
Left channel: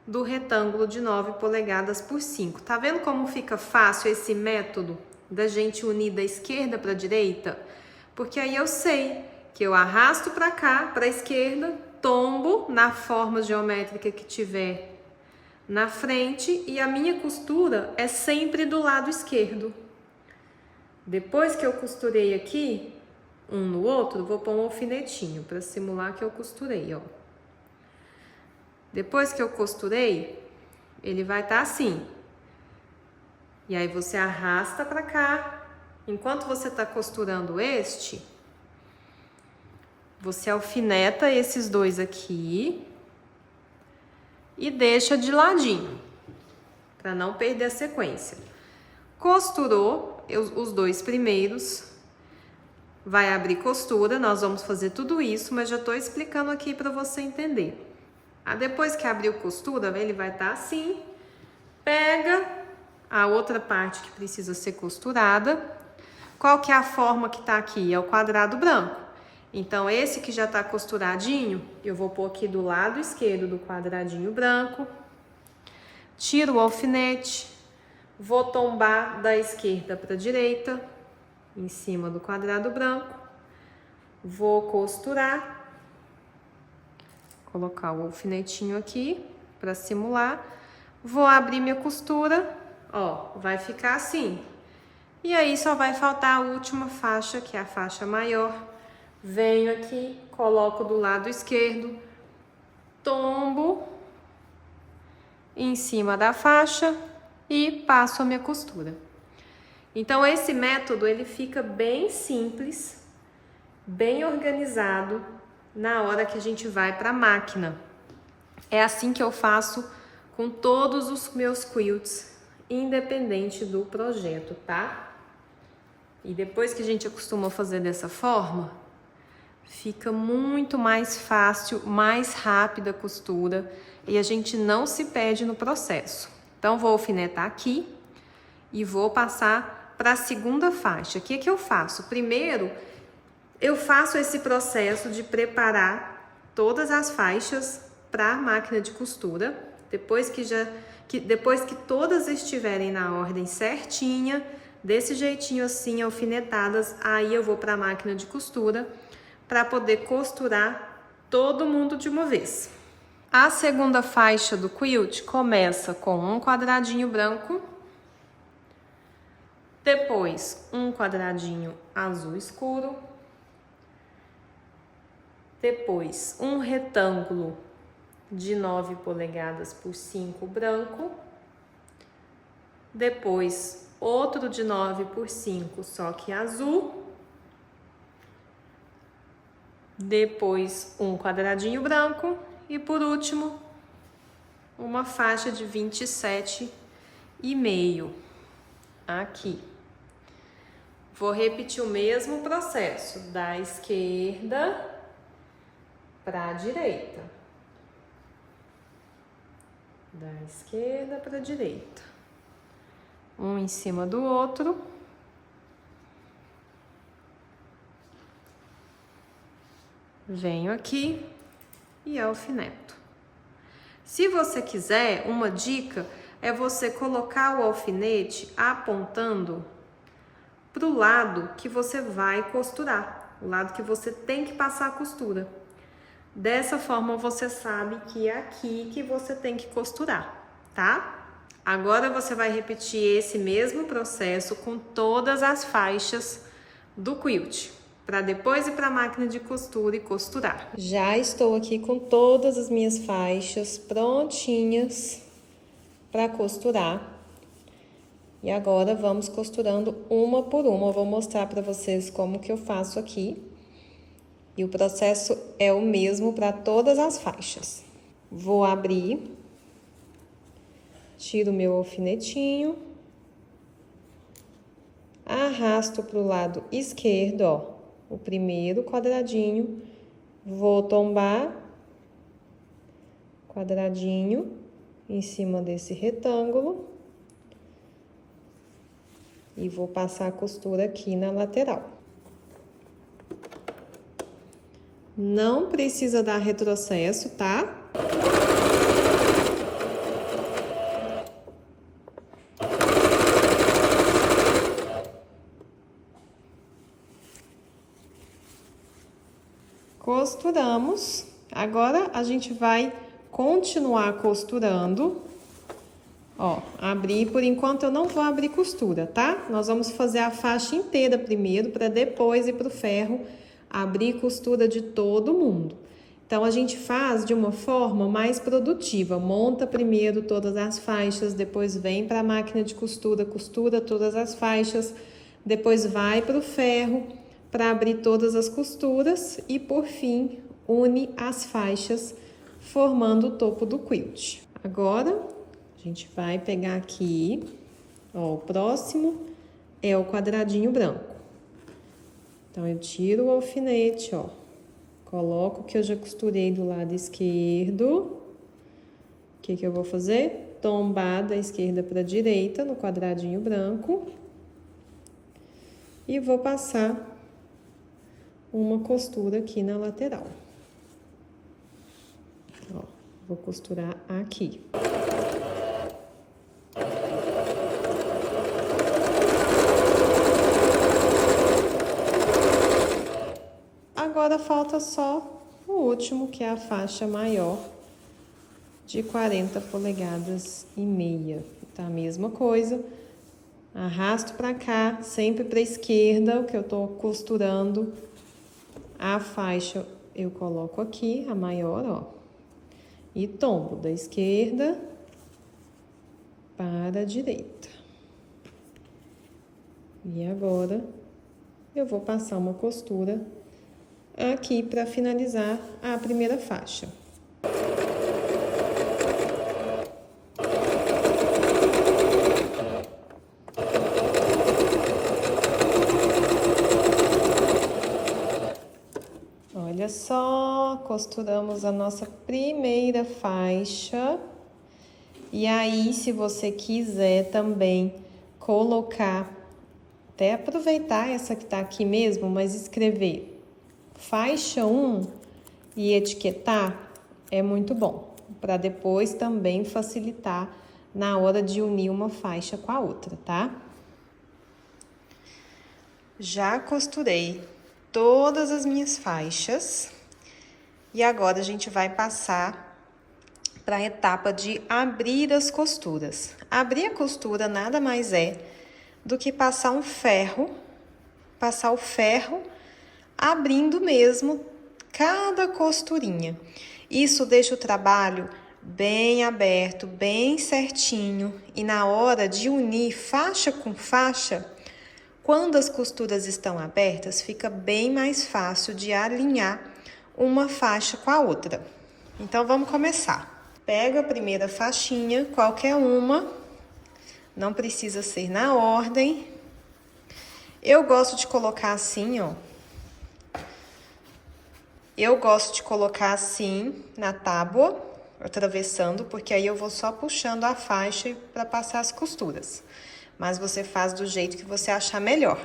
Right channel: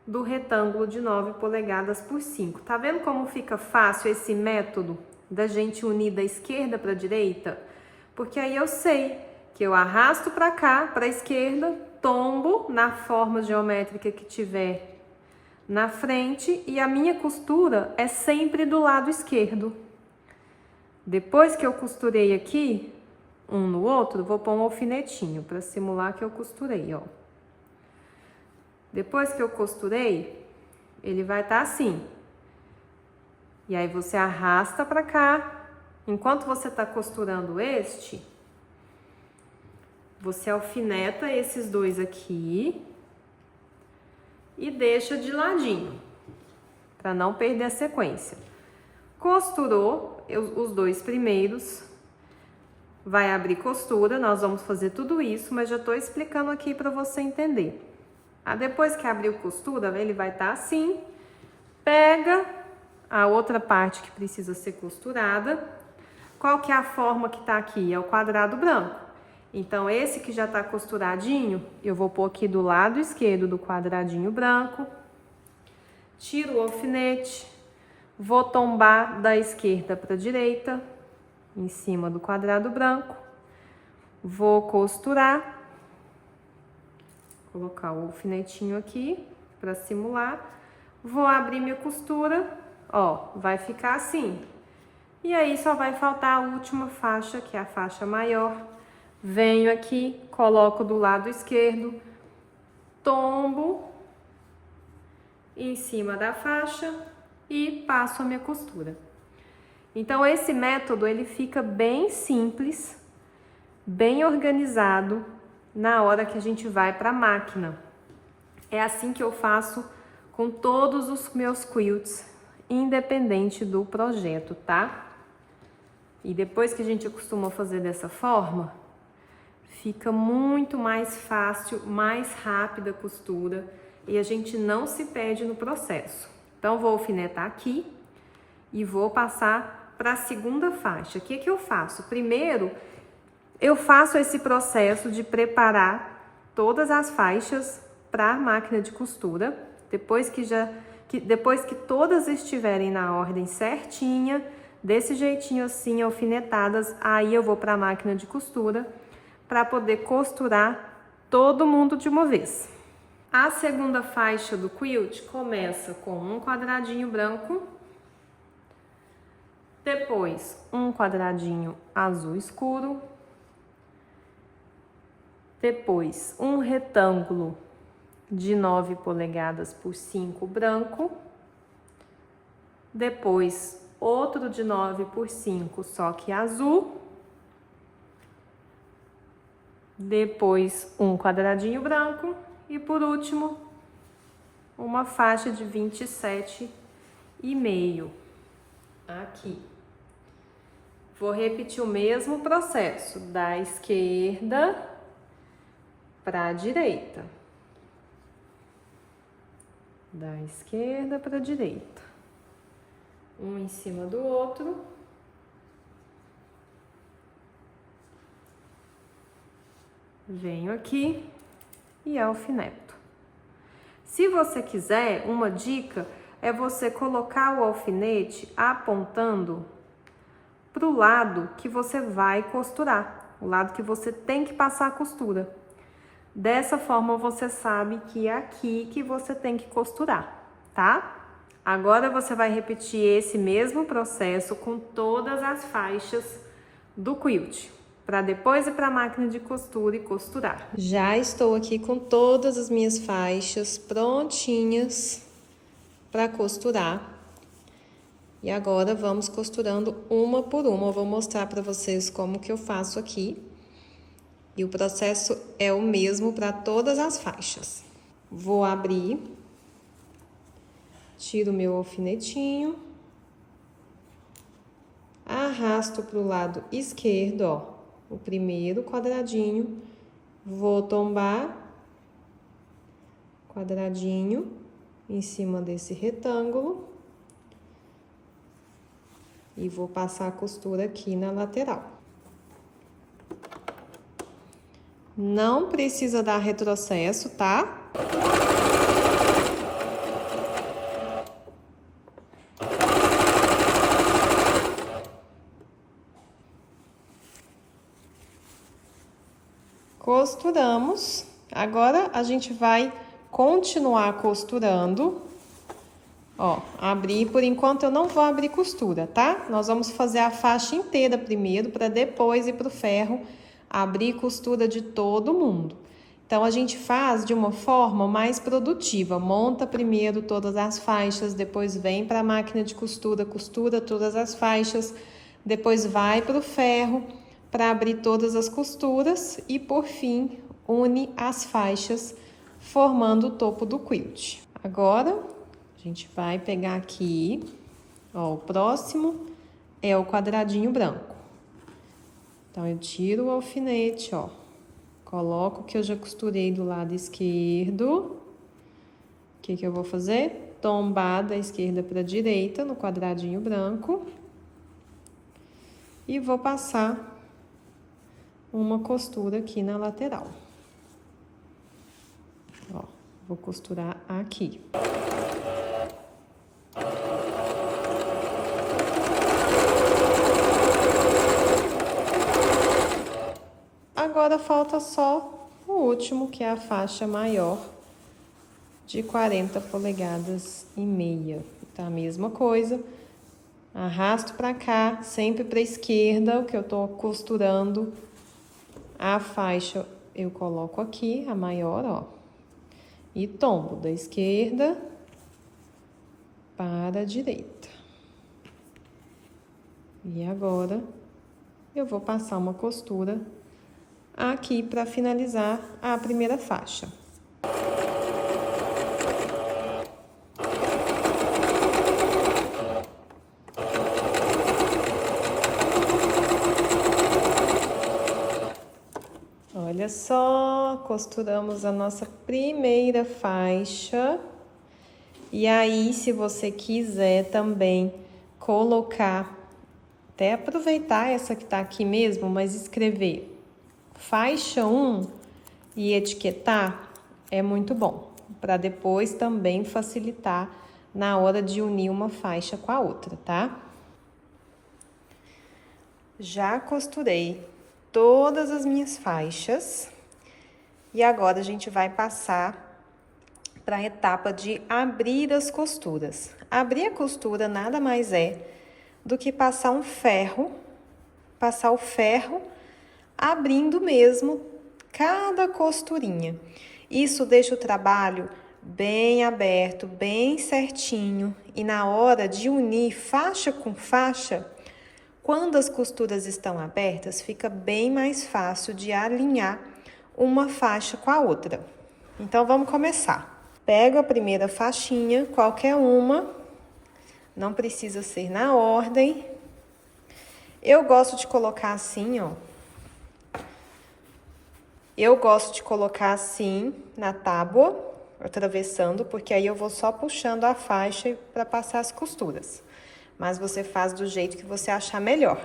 do retângulo de 9 polegadas por 5. Tá vendo como fica fácil esse método da gente unir da esquerda para a direita? Porque aí eu sei que eu arrasto para cá, para a esquerda, tombo na forma geométrica que tiver na frente e a minha costura é sempre do lado esquerdo. Depois que eu costurei aqui, um no outro, vou pôr um alfinetinho para simular que eu costurei, ó. Depois que eu costurei, ele vai estar assim. E aí você arrasta para cá. Enquanto você está costurando este, você alfineta esses dois aqui e deixa de ladinho, para não perder a sequência. Costurou os dois primeiros, vai abrir costura, nós vamos fazer tudo isso, mas já estou explicando aqui para você entender. Depois que abriu costura, ele vai estar assim, pega a outra parte que precisa ser costurada. Qual que é a forma que tá aqui? É o quadrado branco. Então, esse que já tá costuradinho, eu vou pôr aqui do lado esquerdo do quadradinho branco, tiro o alfinete, vou tombar da esquerda para a direita, em cima do quadrado branco, vou costurar, colocar o alfinetinho aqui para simular, vou abrir minha costura, ó, vai ficar assim. E aí só vai faltar a última faixa, que é a faixa maior. Venho aqui, coloco do lado esquerdo, tombo em cima da faixa e passo a minha costura. Então, esse método, ele fica bem simples, bem organizado na hora que a gente vai para a máquina. É assim que eu faço com todos os meus quilts, independente do projeto, tá? E depois que a gente acostuma fazer dessa forma, fica muito mais fácil, mais rápida a costura e a gente não se perde no processo. Então, vou alfinetar aqui e vou passar para a segunda faixa. O que que eu faço? Primeiro, eu faço esse processo de preparar todas as faixas para a máquina de costura. Depois que todas estiverem na ordem certinha, desse jeitinho assim, alfinetadas, aí eu vou para a máquina de costura para poder costurar todo mundo de uma vez. A segunda faixa do quilt começa com um quadradinho branco, depois um quadradinho azul escuro, depois um retângulo de 9 polegadas por 5 branco, depois outro de 9 por 5, só que azul, depois um quadradinho branco e por último uma faixa de 27,5. aqui. Vou repetir o mesmo processo, da esquerda para a direita. Da esquerda para a direita. Um em cima do outro. Venho aqui e alfineto. Se você quiser, uma dica é você colocar o alfinete apontando para o lado que você vai costurar, o lado que você tem que passar a costura. Dessa forma, você sabe que é aqui que você tem que costurar, tá? Agora, você vai repetir esse mesmo processo com todas as faixas do quilt, para depois ir para a máquina de costura e costurar. Já estou aqui com todas as minhas faixas prontinhas para costurar. E agora, vamos costurando uma por uma. Eu vou mostrar para vocês como que eu faço aqui. E o processo é o mesmo para todas as faixas. Vou abrir, tiro meu alfinetinho, arrasto para o lado esquerdo, ó, o primeiro quadradinho, vou tombar quadradinho em cima desse retângulo e vou passar a costura aqui na lateral. Não precisa dar retrocesso, tá? Costuramos. Agora, a gente vai continuar costurando. Ó, abrir, por enquanto eu não vou abrir costura, tá? Nós vamos fazer a faixa inteira primeiro, para depois ir pro ferro, abrir costura de todo mundo. Então, a gente faz de uma forma mais produtiva. Monta primeiro todas as faixas, depois vem para a máquina de costura, costura todas as faixas, depois vai pro ferro para abrir todas as costuras e, por fim, une as faixas, formando o topo do quilt. Agora, a gente vai pegar aqui, ó, o próximo é o quadradinho branco. Então, eu tiro o alfinete, ó, coloco o que eu já costurei do lado esquerdo. O que que eu vou fazer? Tombar da esquerda para a direita no quadradinho branco. E vou passar uma costura aqui na lateral. Ó, vou costurar aqui. Agora falta só o último, que é a faixa maior de 40 polegadas e meia. Tá a mesma coisa. Arrasto para cá, sempre para a esquerda, o que eu tô costurando. A faixa eu coloco aqui, a maior, ó. E tombo da esquerda para a direita. E agora, eu vou passar uma costura aqui para finalizar a primeira faixa. Olha só, costuramos a nossa primeira faixa. E aí, se você quiser também colocar, até aproveitar essa que tá aqui mesmo, mas escrever faixa 1 e etiquetar, é muito bom, para depois também facilitar na hora de unir uma faixa com a outra, tá? Já costurei todas as minhas faixas e agora a gente vai passar para a etapa de abrir as costuras. Abrir a costura nada mais é do que passar o ferro abrindo mesmo cada costurinha. Isso deixa o trabalho bem aberto, bem certinho, e na hora de unir faixa com faixa, quando as costuras estão abertas, fica bem mais fácil de alinhar uma faixa com a outra. Então, vamos começar. Pego a primeira faixinha, qualquer uma, Não precisa ser na ordem. Eu gosto de colocar assim, ó. Eu gosto de colocar assim na tábua, atravessando, porque aí eu vou só puxando a faixa para passar as costuras. Mas você faz do jeito que você achar melhor.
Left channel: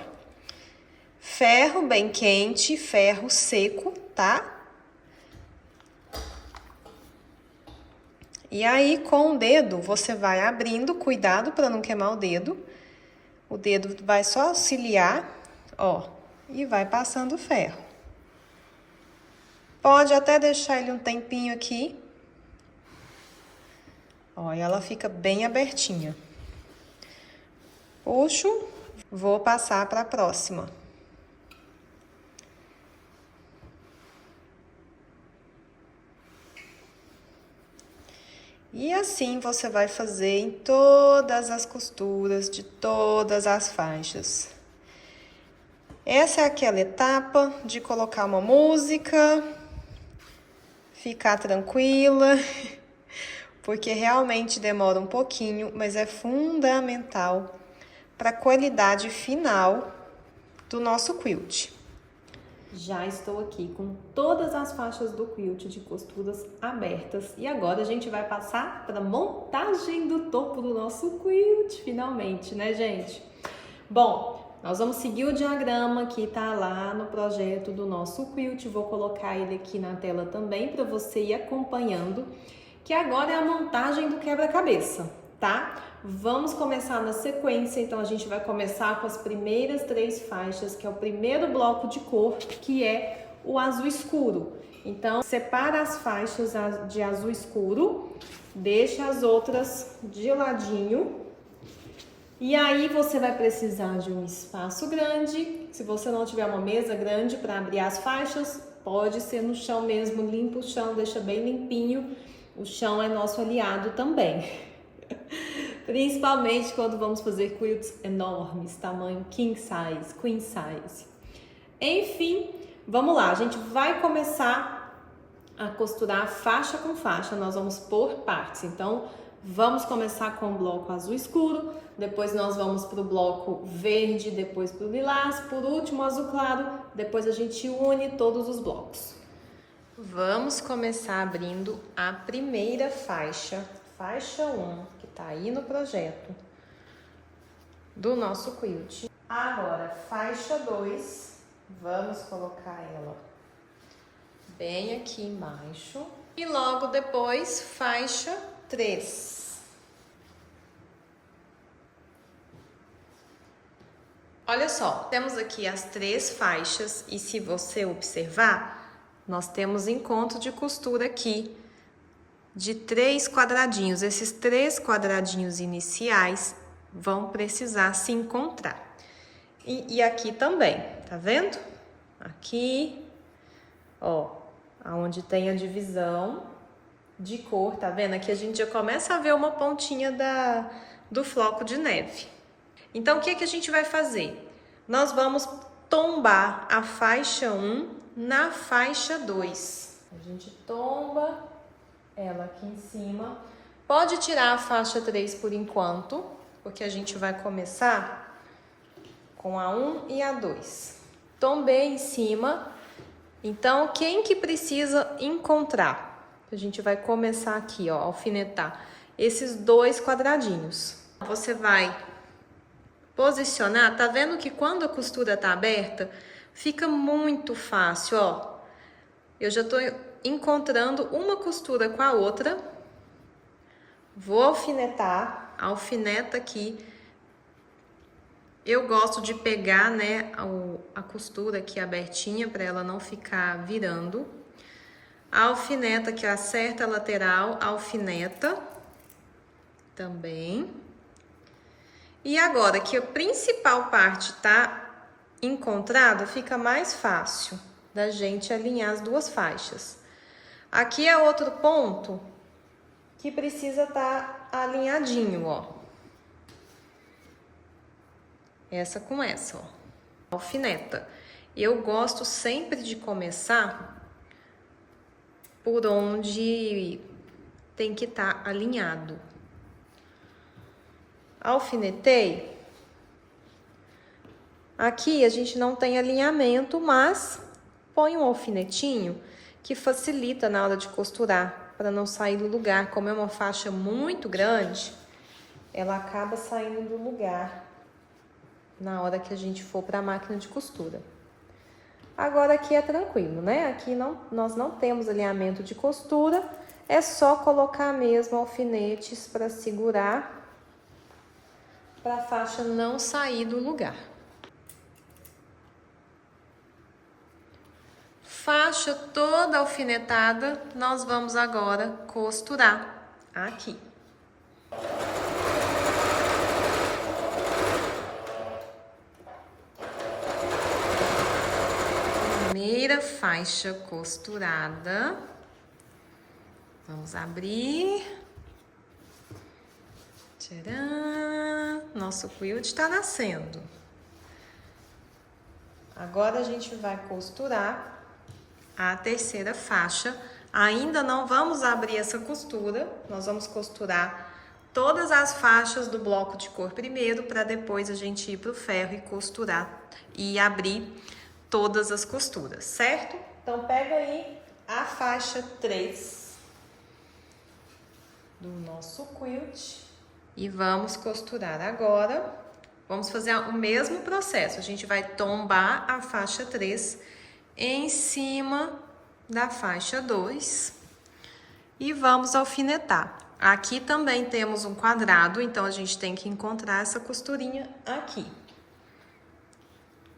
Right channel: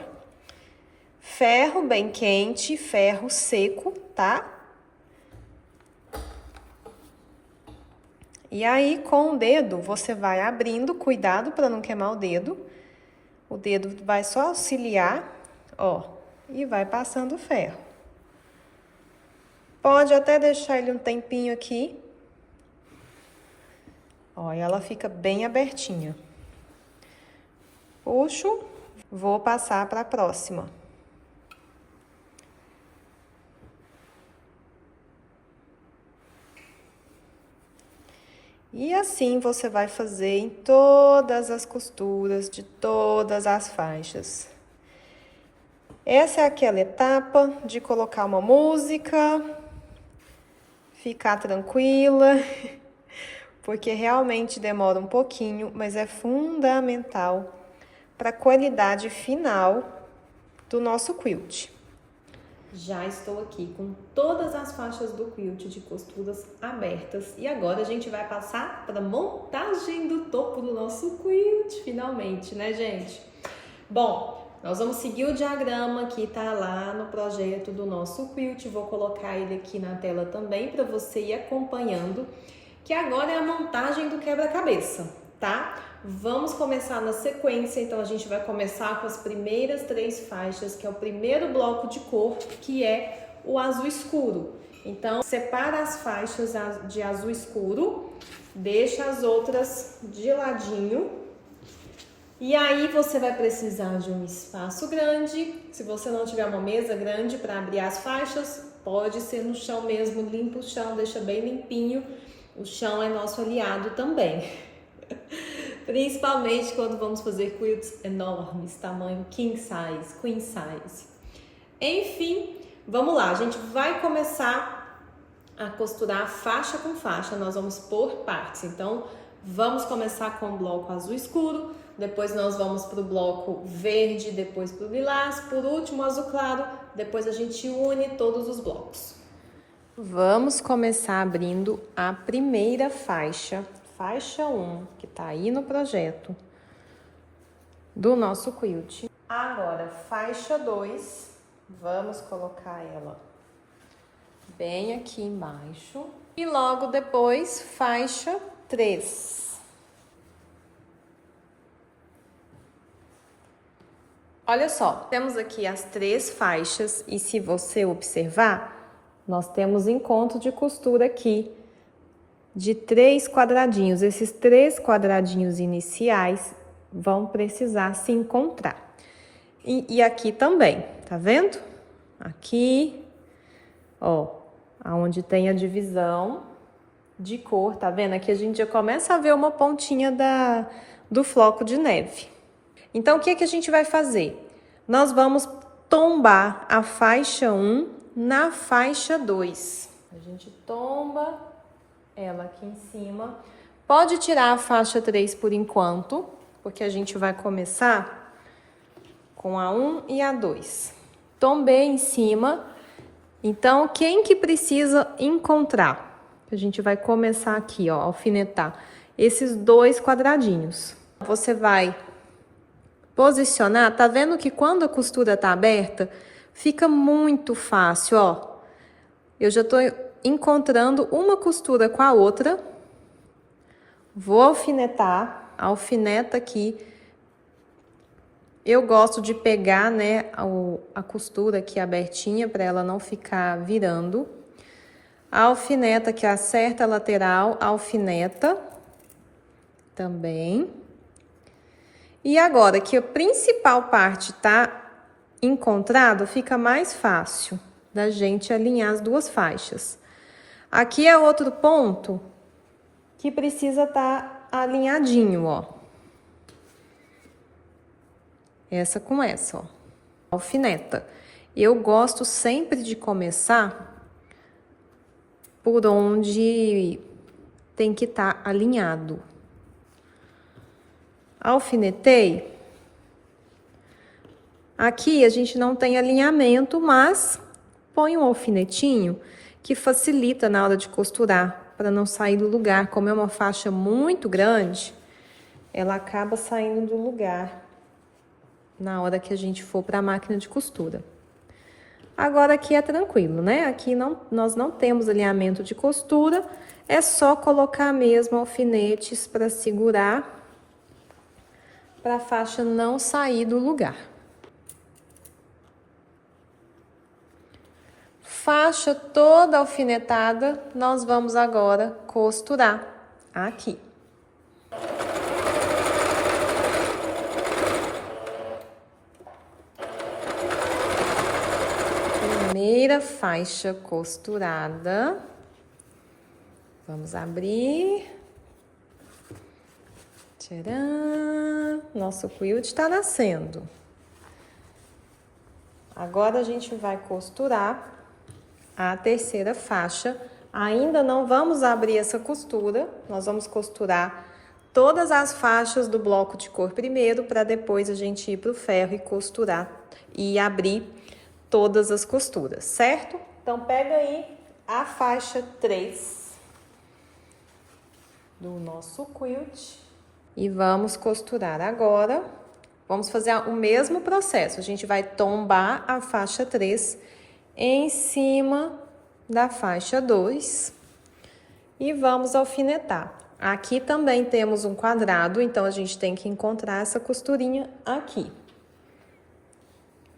Ferro bem quente, ferro seco, tá? E aí, com o dedo, você vai abrindo, cuidado para não queimar o dedo. O dedo vai só auxiliar, ó, e vai passando o ferro. Pode até deixar ele um tempinho aqui. Ó, e ela fica bem abertinha. Puxo, vou passar para a próxima. E assim você vai fazer em todas as costuras de todas as faixas. Essa é aquela etapa de colocar uma música, ficar tranquila, porque realmente demora um pouquinho, mas é fundamental para a qualidade final do nosso quilt. Já estou aqui com todas as faixas do quilt de costuras abertas e agora a gente vai passar para a montagem do topo do nosso quilt, finalmente, né, gente? Bom, nós vamos seguir o diagrama que tá lá no projeto do nosso quilt, vou colocar ele aqui na tela também para você ir acompanhando, que agora é a montagem do quebra-cabeça, tá? Vamos começar na sequência, então a gente vai começar com as primeiras 3 faixas, que é o primeiro bloco de cor, que é o azul escuro. Então, separa as faixas de azul escuro, deixa as outras de ladinho. E aí você vai precisar de um espaço grande. Se você não tiver uma mesa grande para abrir as faixas, pode ser no chão mesmo, limpa o chão, deixa bem limpinho. O chão é nosso aliado também. Principalmente quando vamos fazer quilts enormes, tamanho king size, queen size. Enfim, vamos lá, a gente vai começar a costurar faixa com faixa, nós vamos por partes. Então, vamos começar com o bloco azul escuro, depois nós vamos para o bloco verde, depois para o lilás, por último azul claro, depois a gente une todos os blocos. Vamos começar abrindo a primeira faixa, faixa 1, que tá aí no projeto do nosso quilt. Agora, faixa 2, vamos colocar ela bem aqui embaixo. E logo depois, faixa 3. Olha só, temos aqui as 3 faixas e se você observar, nós temos encontro de costura aqui de 3 quadradinhos. Esses 3 quadradinhos iniciais vão precisar se encontrar. E aqui também, tá vendo? Aqui, ó, aonde tem a divisão de cor, tá vendo? Aqui a gente já começa a ver uma pontinha do floco de neve. Então, o que a gente vai fazer? Nós vamos tombar a faixa 1 na faixa 2. A gente tomba ela aqui em cima. Pode tirar a faixa 3 por enquanto, porque a gente vai começar com a 1 e a 2. Tombei em cima. Então, quem que precisa encontrar? A gente vai começar aqui, ó, alfinetar esses 2 quadradinhos. Você vai posicionar, tá vendo que quando a costura tá aberta, fica muito fácil, ó. Eu já tô encontrando uma costura com a outra. Vou alfinetar, alfineta aqui. Eu gosto de pegar, né, a costura aqui abertinha para ela não ficar virando. A alfineta que acerta a lateral, alfineta também. E agora que a principal parte tá encontrada, fica mais fácil da gente alinhar as 2 faixas. Aqui é outro ponto que precisa estar alinhadinho, ó. Essa com essa, ó. Alfineta. Eu gosto sempre de começar por onde tem que estar alinhado. alfinetei. Aqui a gente não tem alinhamento, mas põe um alfinetinho que facilita na hora de costurar, para não sair do lugar. Como é uma faixa muito grande, ela acaba saindo do lugar na hora que a gente for para a máquina de costura. Agora aqui é tranquilo, né? Aqui nós não temos alinhamento de costura, é só colocar mesmo alfinetes para segurar, para a faixa não sair do lugar. Faixa toda alfinetada, nós vamos agora costurar aqui. Primeira faixa costurada. Vamos abrir. Tcharam! Nosso quilt tá nascendo. Agora a gente vai costurar a terceira faixa. Ainda não vamos abrir essa costura, nós vamos costurar todas as faixas do bloco de cor primeiro, para depois a gente ir pro ferro e costurar e abrir todas as costuras, certo? Então, pega aí a faixa 3 do nosso quilt e vamos costurar agora. Vamos fazer o mesmo processo, a gente vai tombar a faixa 3 em cima da faixa 2 e vamos alfinetar. Aqui também temos um quadrado, então a gente tem que encontrar essa costurinha aqui.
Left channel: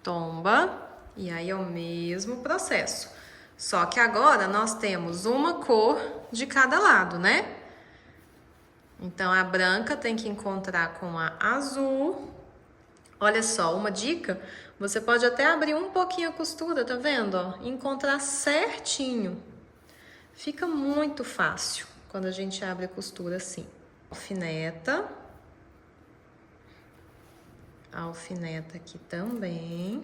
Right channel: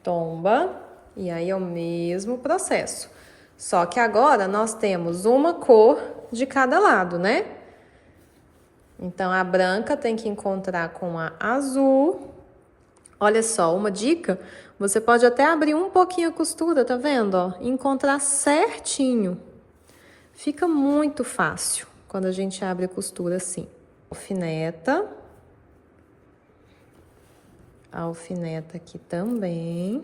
Tomba, e aí é o mesmo processo. Só que agora nós temos uma cor de cada lado, né? Então, a branca tem que encontrar com a azul. Olha só, uma dica, você pode até abrir um pouquinho a costura, tá vendo? Ó, encontrar certinho. Fica muito fácil quando a gente abre a costura assim. Alfineta. Alfineta aqui também.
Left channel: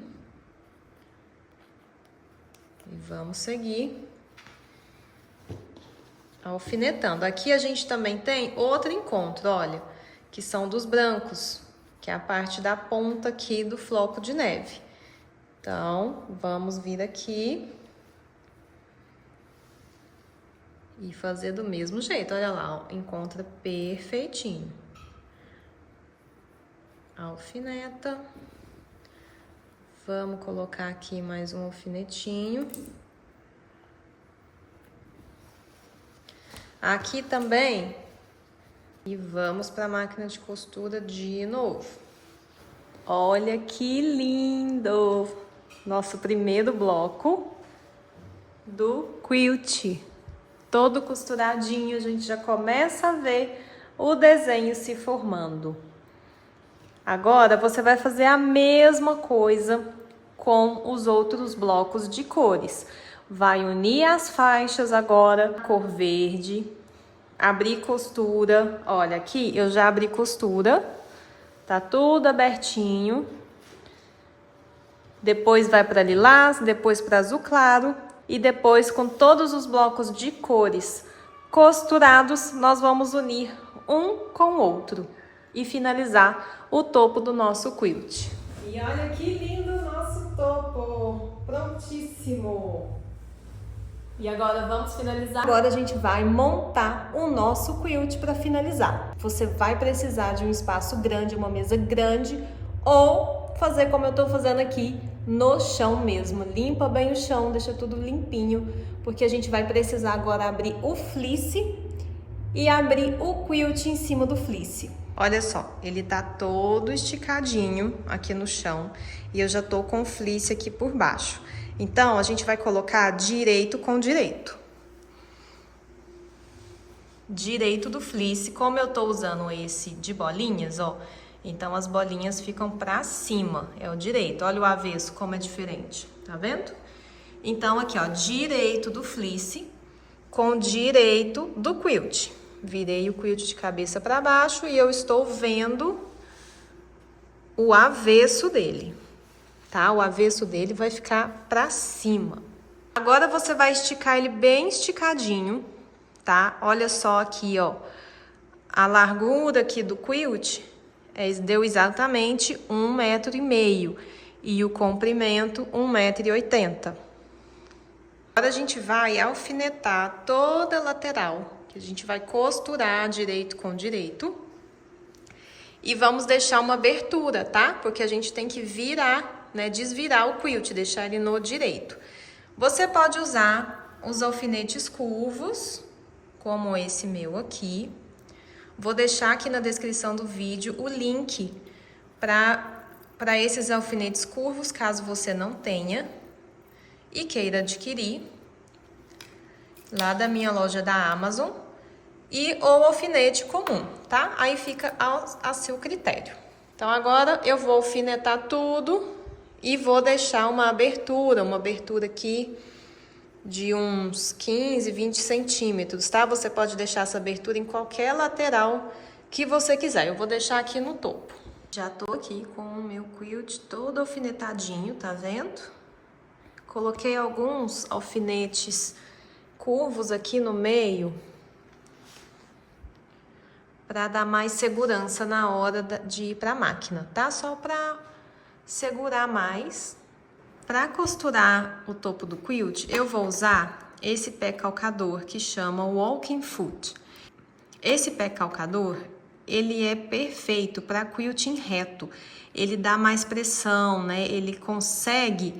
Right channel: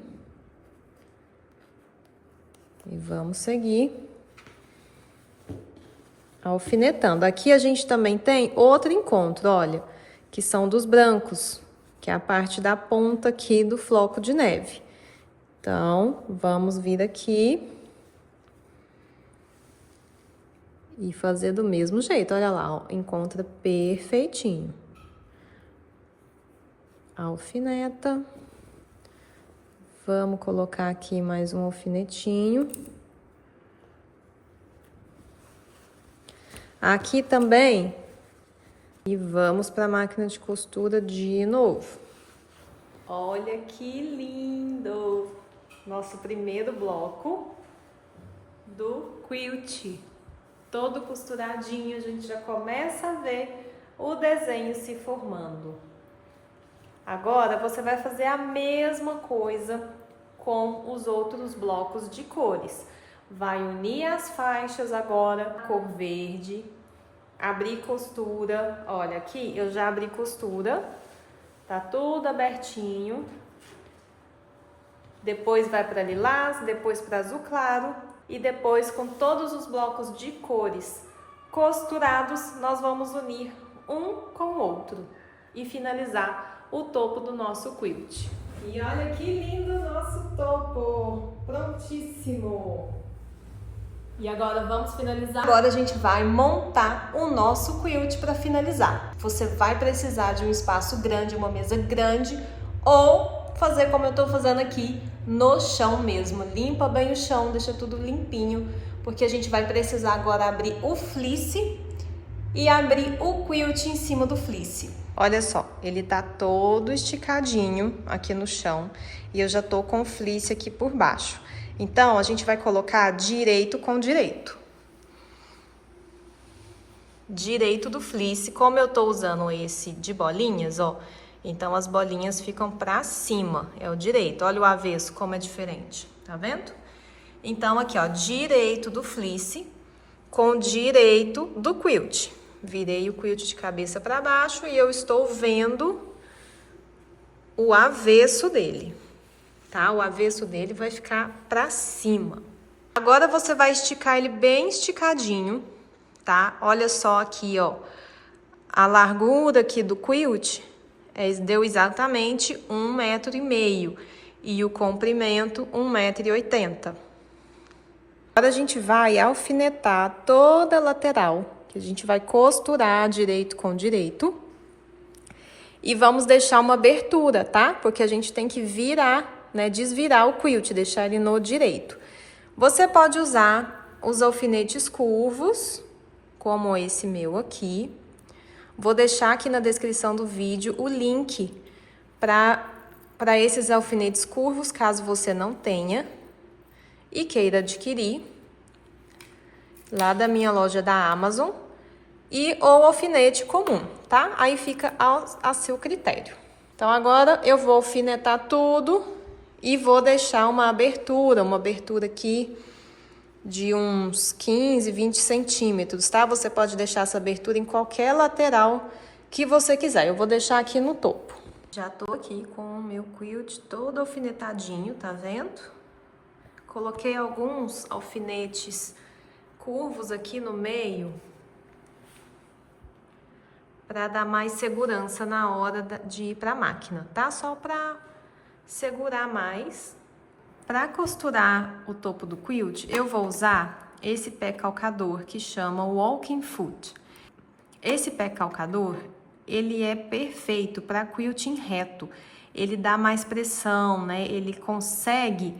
E vamos seguir alfinetando. Aqui a gente também tem outro encontro, olha, que são dos brancos, que é a parte da ponta aqui do floco de neve. Então, vamos vir aqui e fazer do mesmo jeito. Olha lá, ó, encontra perfeitinho. Alfineta. Vamos colocar aqui mais um alfinetinho. Aqui também. E vamos para a máquina de costura de novo. Olha que lindo! Nosso primeiro bloco do quilt. Todo costuradinho, a gente já começa a ver o desenho se formando. Agora, você vai fazer a mesma coisa com os outros blocos de cores. Vai unir as faixas agora, cor verde, abrir costura. Olha, aqui eu já abri costura, tá tudo abertinho. Depois vai para lilás, depois para azul claro e depois com todos os blocos de cores costurados, nós vamos unir um com o outro e finalizar o topo do nosso quilt. E olha que lindo o nosso topo! Prontíssimo! E agora vamos finalizar. Agora a gente vai montar o nosso quilt para finalizar. Você vai precisar de um espaço grande, uma mesa grande, ou fazer como eu tô fazendo aqui, no chão mesmo. Limpa bem o chão, deixa tudo limpinho, porque a gente vai precisar agora abrir o fleece e abrir o quilt em cima do fleece. Olha só, ele tá todo esticadinho aqui no chão e eu já tô com o fleece aqui por baixo. Então, a gente vai colocar direito com direito. Direito do fleece, como eu tô usando esse de bolinhas, ó, então as bolinhas ficam pra cima, é o direito. Olha o avesso como é diferente, tá vendo? Então, aqui, ó, direito do fleece com direito do quilt. Virei o quilt de cabeça para baixo e eu estou vendo o avesso dele, tá? O avesso dele vai ficar para cima. Agora você vai esticar ele bem esticadinho, tá? Olha só aqui, ó. A largura aqui do quilt deu exatamente 1,5 m e o comprimento 1,80 m. Agora a gente vai alfinetar toda a lateral, que a gente vai costurar direito com direito. E vamos deixar uma abertura, tá? Porque a gente tem que virar, né, desvirar o quilt, deixar ele no direito. Você pode usar os alfinetes curvos, como esse meu aqui. Vou deixar aqui na descrição do vídeo o link para esses alfinetes curvos, caso você não tenha e queira adquirir, lá da minha loja da Amazon, ou alfinete comum, tá? Aí fica a seu critério. Então, agora eu vou alfinetar tudo e vou deixar uma abertura aqui de uns 15, 20 centímetros, tá? Você pode deixar essa abertura em qualquer lateral que você quiser. Eu vou deixar aqui no topo. Já tô aqui com o meu quilt todo alfinetadinho, tá vendo? Coloquei alguns alfinetes curvos aqui no meio para dar mais segurança na hora de ir para a máquina, tá? Só para segurar mais. Para costurar o topo do quilt, eu vou usar esse pé calcador que chama Walking Foot. Esse pé calcador, ele é perfeito para quilting reto. Ele dá mais pressão, né? Ele consegue,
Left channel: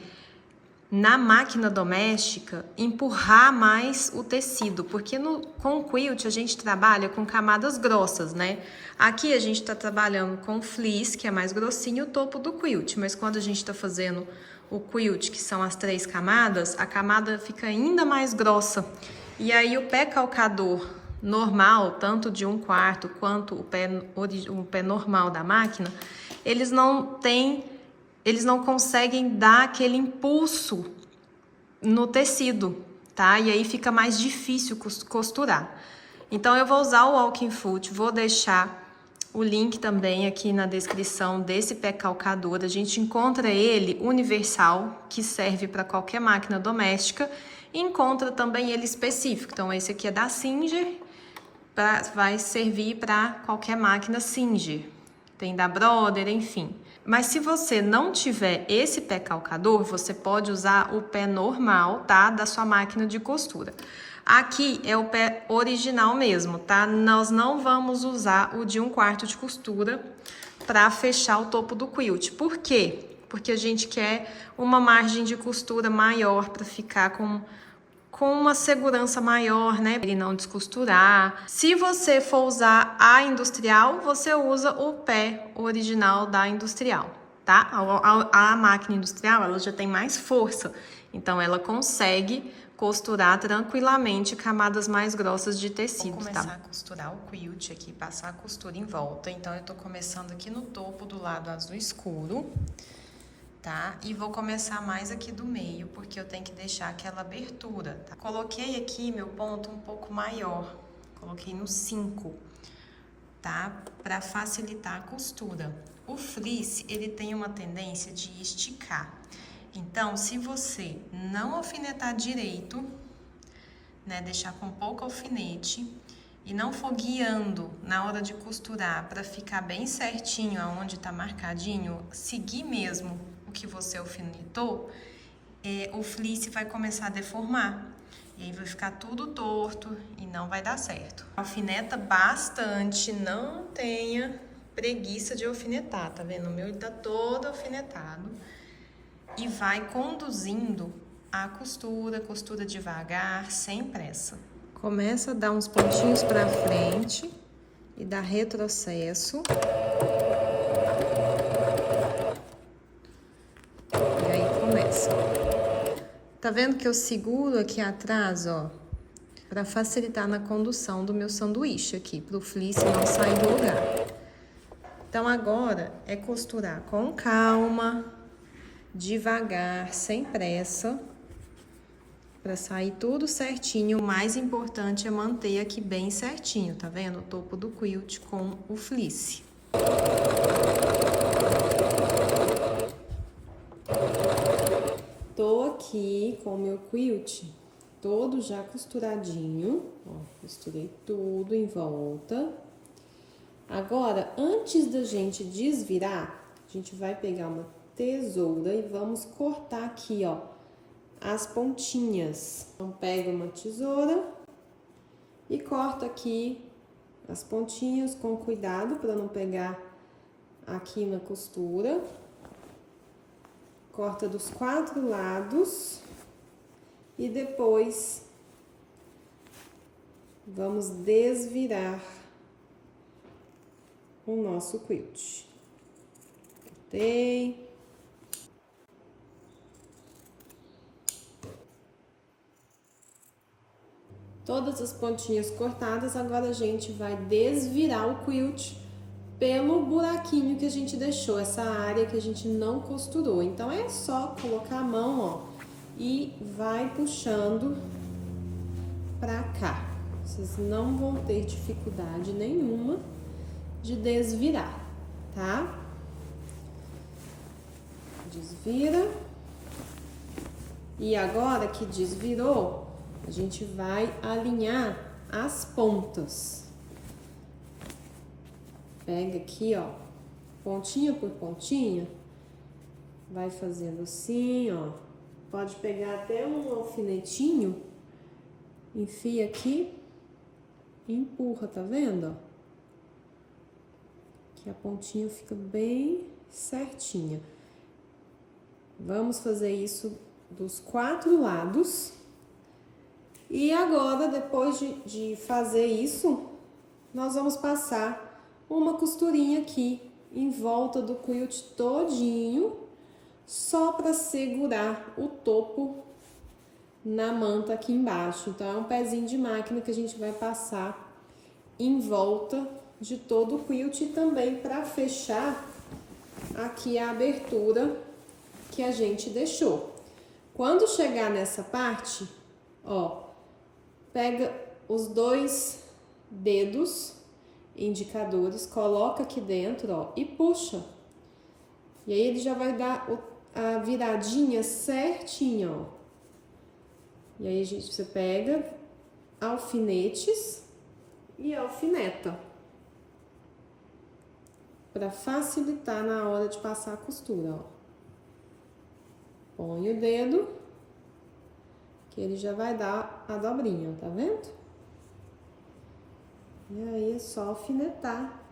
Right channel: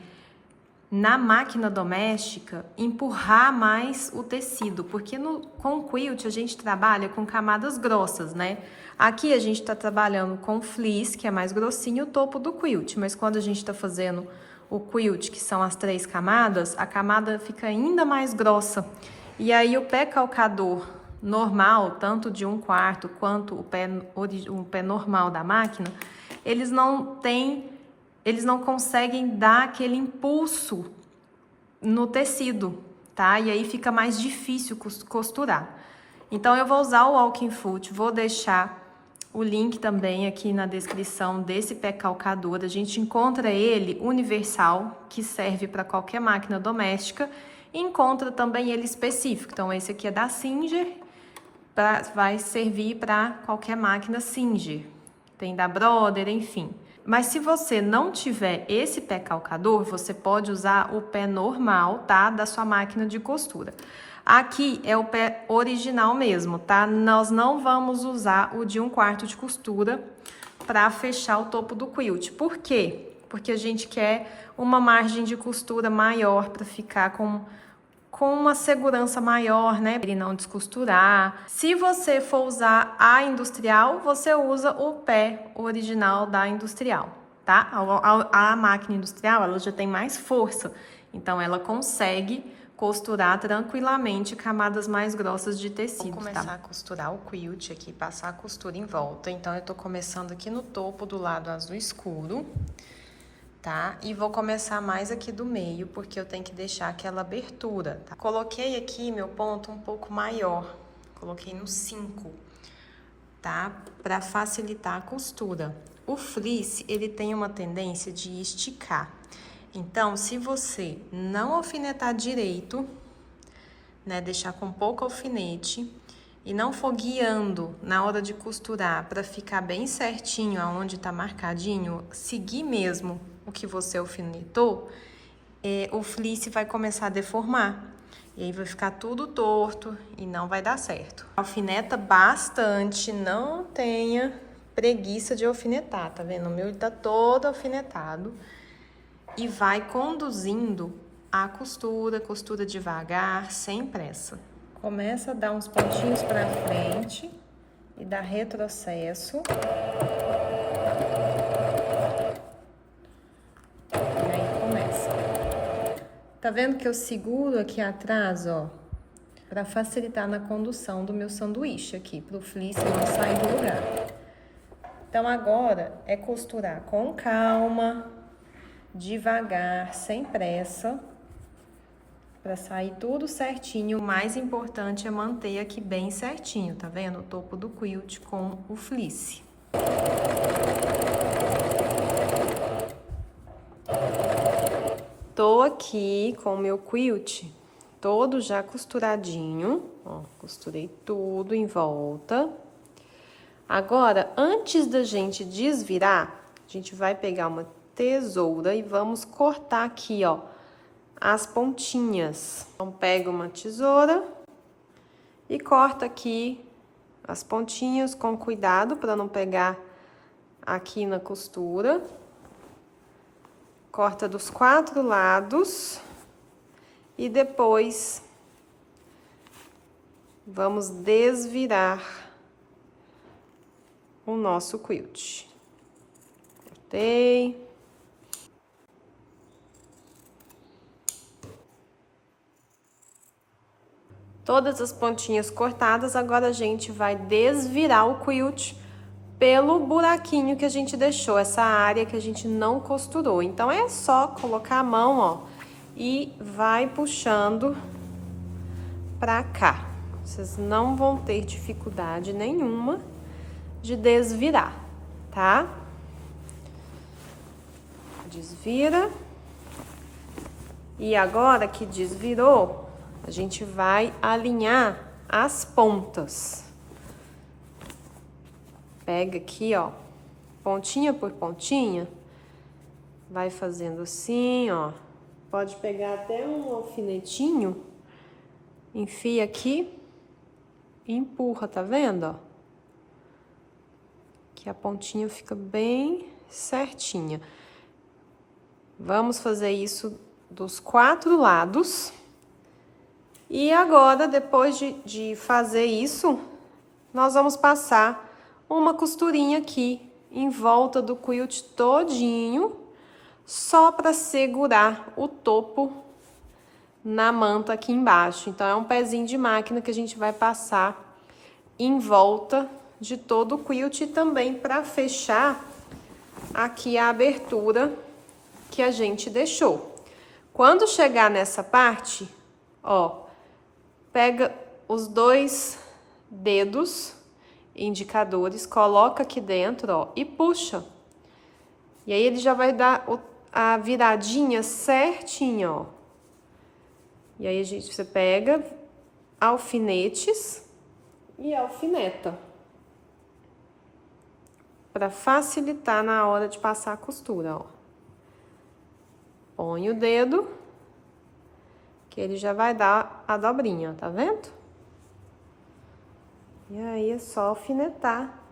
na máquina doméstica, empurrar mais o tecido, porque com o quilt a gente trabalha com camadas grossas, né? Aqui a gente tá trabalhando com fleece, que é mais grossinho, o topo do quilt, mas quando a gente tá fazendo o quilt, que são as 3 camadas, a camada fica ainda mais grossa. E aí o pé calcador normal, tanto de 1/4 quanto o pé normal da máquina, eles não conseguem dar aquele impulso no tecido, tá? E aí fica mais difícil costurar. Então, eu vou usar o Walking Foot, vou deixar o link também aqui na descrição desse pé calcador. A gente encontra ele universal, que serve para qualquer máquina doméstica, e encontra também ele específico. Então, esse aqui é da Singer, vai servir para qualquer máquina Singer. Tem da Brother, enfim. Mas se você não tiver esse pé calcador, você pode usar o pé normal, tá? Da sua máquina de costura. Aqui é o pé original mesmo, tá? Nós não vamos usar o de 1/4 de costura para fechar o topo do quilt. Por quê? Porque a gente quer uma margem de costura maior para ficar com uma segurança maior, né? Ele não descosturar. Se você for usar a industrial, você usa o pé original da industrial, tá? A máquina industrial, ela já tem mais força, então ela consegue costurar tranquilamente camadas mais grossas de tecido, tá? Vou começar a costurar o quilt aqui, passar a costura em volta. Então, eu tô começando aqui no topo do lado azul escuro, tá? E vou começar mais aqui do meio, porque eu tenho que deixar aquela abertura, tá? Coloquei aqui meu ponto um pouco maior, coloquei no 5, tá? Pra facilitar a costura. O fleece, ele tem uma tendência de esticar. Então, se você não alfinetar direito, né, deixar com pouco alfinete e não for guiando na hora de costurar para ficar bem certinho aonde tá marcadinho, seguir mesmo o que você alfinetou, o fleece vai começar a deformar. E aí vai ficar tudo torto e não vai dar certo. Alfineta bastante, não tenha preguiça de alfinetar, tá vendo? O meu tá todo alfinetado. E vai conduzindo a costura devagar, sem pressa. Começa a dar uns pontinhos pra frente e dá retrocesso. E aí começa. Tá vendo que eu seguro aqui atrás, ó, pra facilitar na condução do meu sanduíche aqui, pro fleece não sair do lugar. Então, agora é costurar com calma, devagar, sem pressa, para sair tudo certinho. O mais importante é manter aqui bem certinho, tá vendo? O topo do quilt com o fleece. Tô aqui com o meu quilt todo já costuradinho, ó, costurei tudo em volta. Agora, antes da gente desvirar, a gente vai pegar uma tesoura e vamos cortar aqui, ó, as pontinhas. Então, pega uma tesoura e corta aqui as pontinhas com cuidado para não pegar aqui na costura. Corta dos 4 lados e depois vamos desvirar o nosso quilt. Cortei. Todas as pontinhas cortadas, agora a gente vai desvirar o quilt pelo buraquinho que a gente deixou, essa área que a gente não costurou. Então, é só colocar a mão, ó, e vai puxando pra cá. Vocês não vão ter dificuldade nenhuma de desvirar, tá? Desvira. E agora que desvirou, a gente vai alinhar as pontas. Pega aqui, ó, pontinha por pontinha, vai fazendo assim, ó. Pode pegar até um alfinetinho, enfia aqui e empurra, tá vendo, ó? Que a pontinha fica bem certinha. Vamos fazer isso dos 4 lados. E agora, depois de fazer isso, nós vamos passar uma costurinha aqui em volta do quilt todinho, só para segurar o topo na manta aqui embaixo. Então, é um pezinho de máquina que a gente vai passar em volta de todo o quilt e também para fechar aqui a abertura que a gente deixou. Quando chegar nessa parte, ó, pega os 2 dedos indicadores, coloca aqui dentro, ó, e puxa. E aí ele já vai dar a viradinha certinha, ó. E aí você pega alfinetes e alfineta para facilitar na hora de passar a costura, ó. Põe o dedo que ele já vai dar a dobrinha, tá vendo? E aí é só alfinetar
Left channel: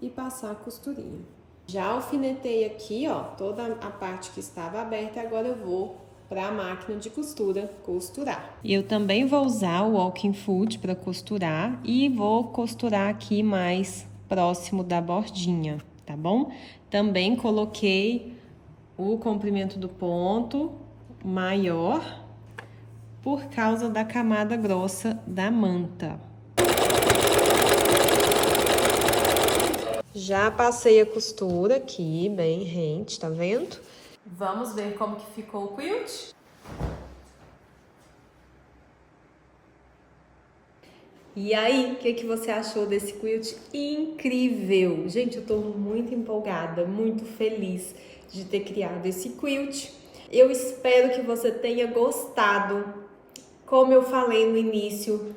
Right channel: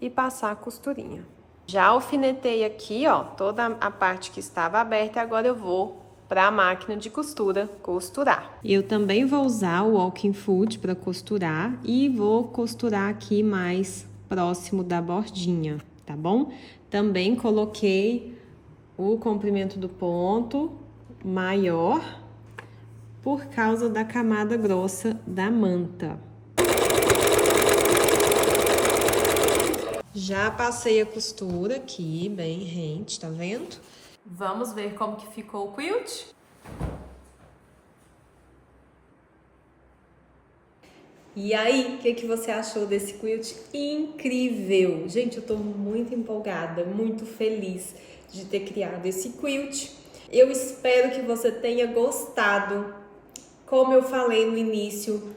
e passar a costurinha. Já alfinetei aqui, ó, toda a parte que estava aberta, e agora eu vou para a máquina de costura costurar. Eu também vou usar o walking foot para costurar e vou costurar aqui mais próximo da bordinha, tá bom? Também coloquei o comprimento do ponto maior por causa da camada grossa da manta. Já passei a costura aqui, bem rente, tá vendo? Vamos ver como que ficou o quilt? E aí, o que você achou desse quilt incrível? Gente, eu tô muito empolgada, muito feliz de ter criado esse quilt. Eu espero que você tenha gostado. Como eu falei no início,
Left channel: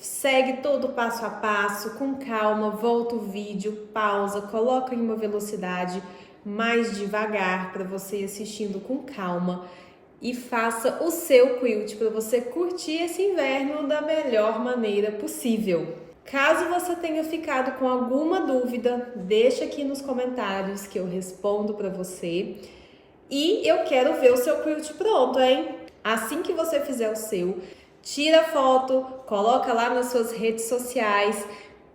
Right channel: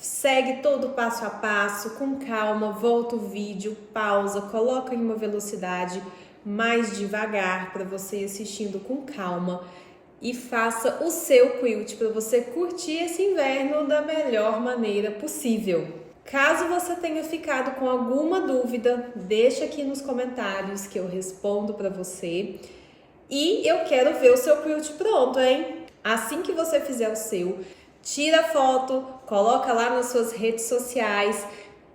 segue todo passo a passo, com calma, volta o vídeo, pausa, coloca em uma velocidade mais devagar para você ir assistindo com calma e faça o seu quilt para você curtir esse inverno da melhor maneira possível. Caso você tenha ficado com alguma dúvida, deixa aqui nos comentários que eu respondo para você. E eu quero ver o seu quilt pronto, hein? Assim que você fizer o seu, tira foto, coloca lá nas suas redes sociais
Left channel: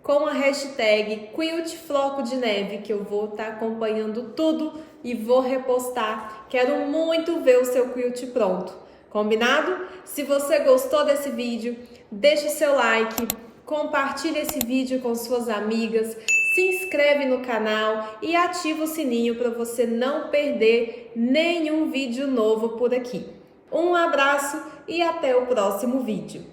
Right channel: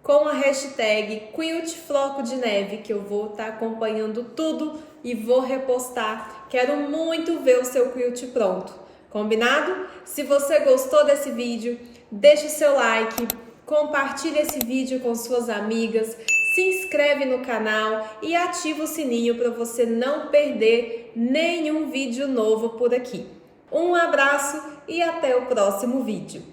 com a hashtag #QuiltFlocoDeNeve, que eu vou estar acompanhando tudo e vou repostar. Quero muito ver o seu quilt pronto. Combinado? Se você gostou desse vídeo, deixa o seu like, compartilha esse vídeo com suas amigas, se inscreve no canal e ativa o sininho para você não perder nenhum vídeo novo por aqui. Um abraço e até o próximo vídeo.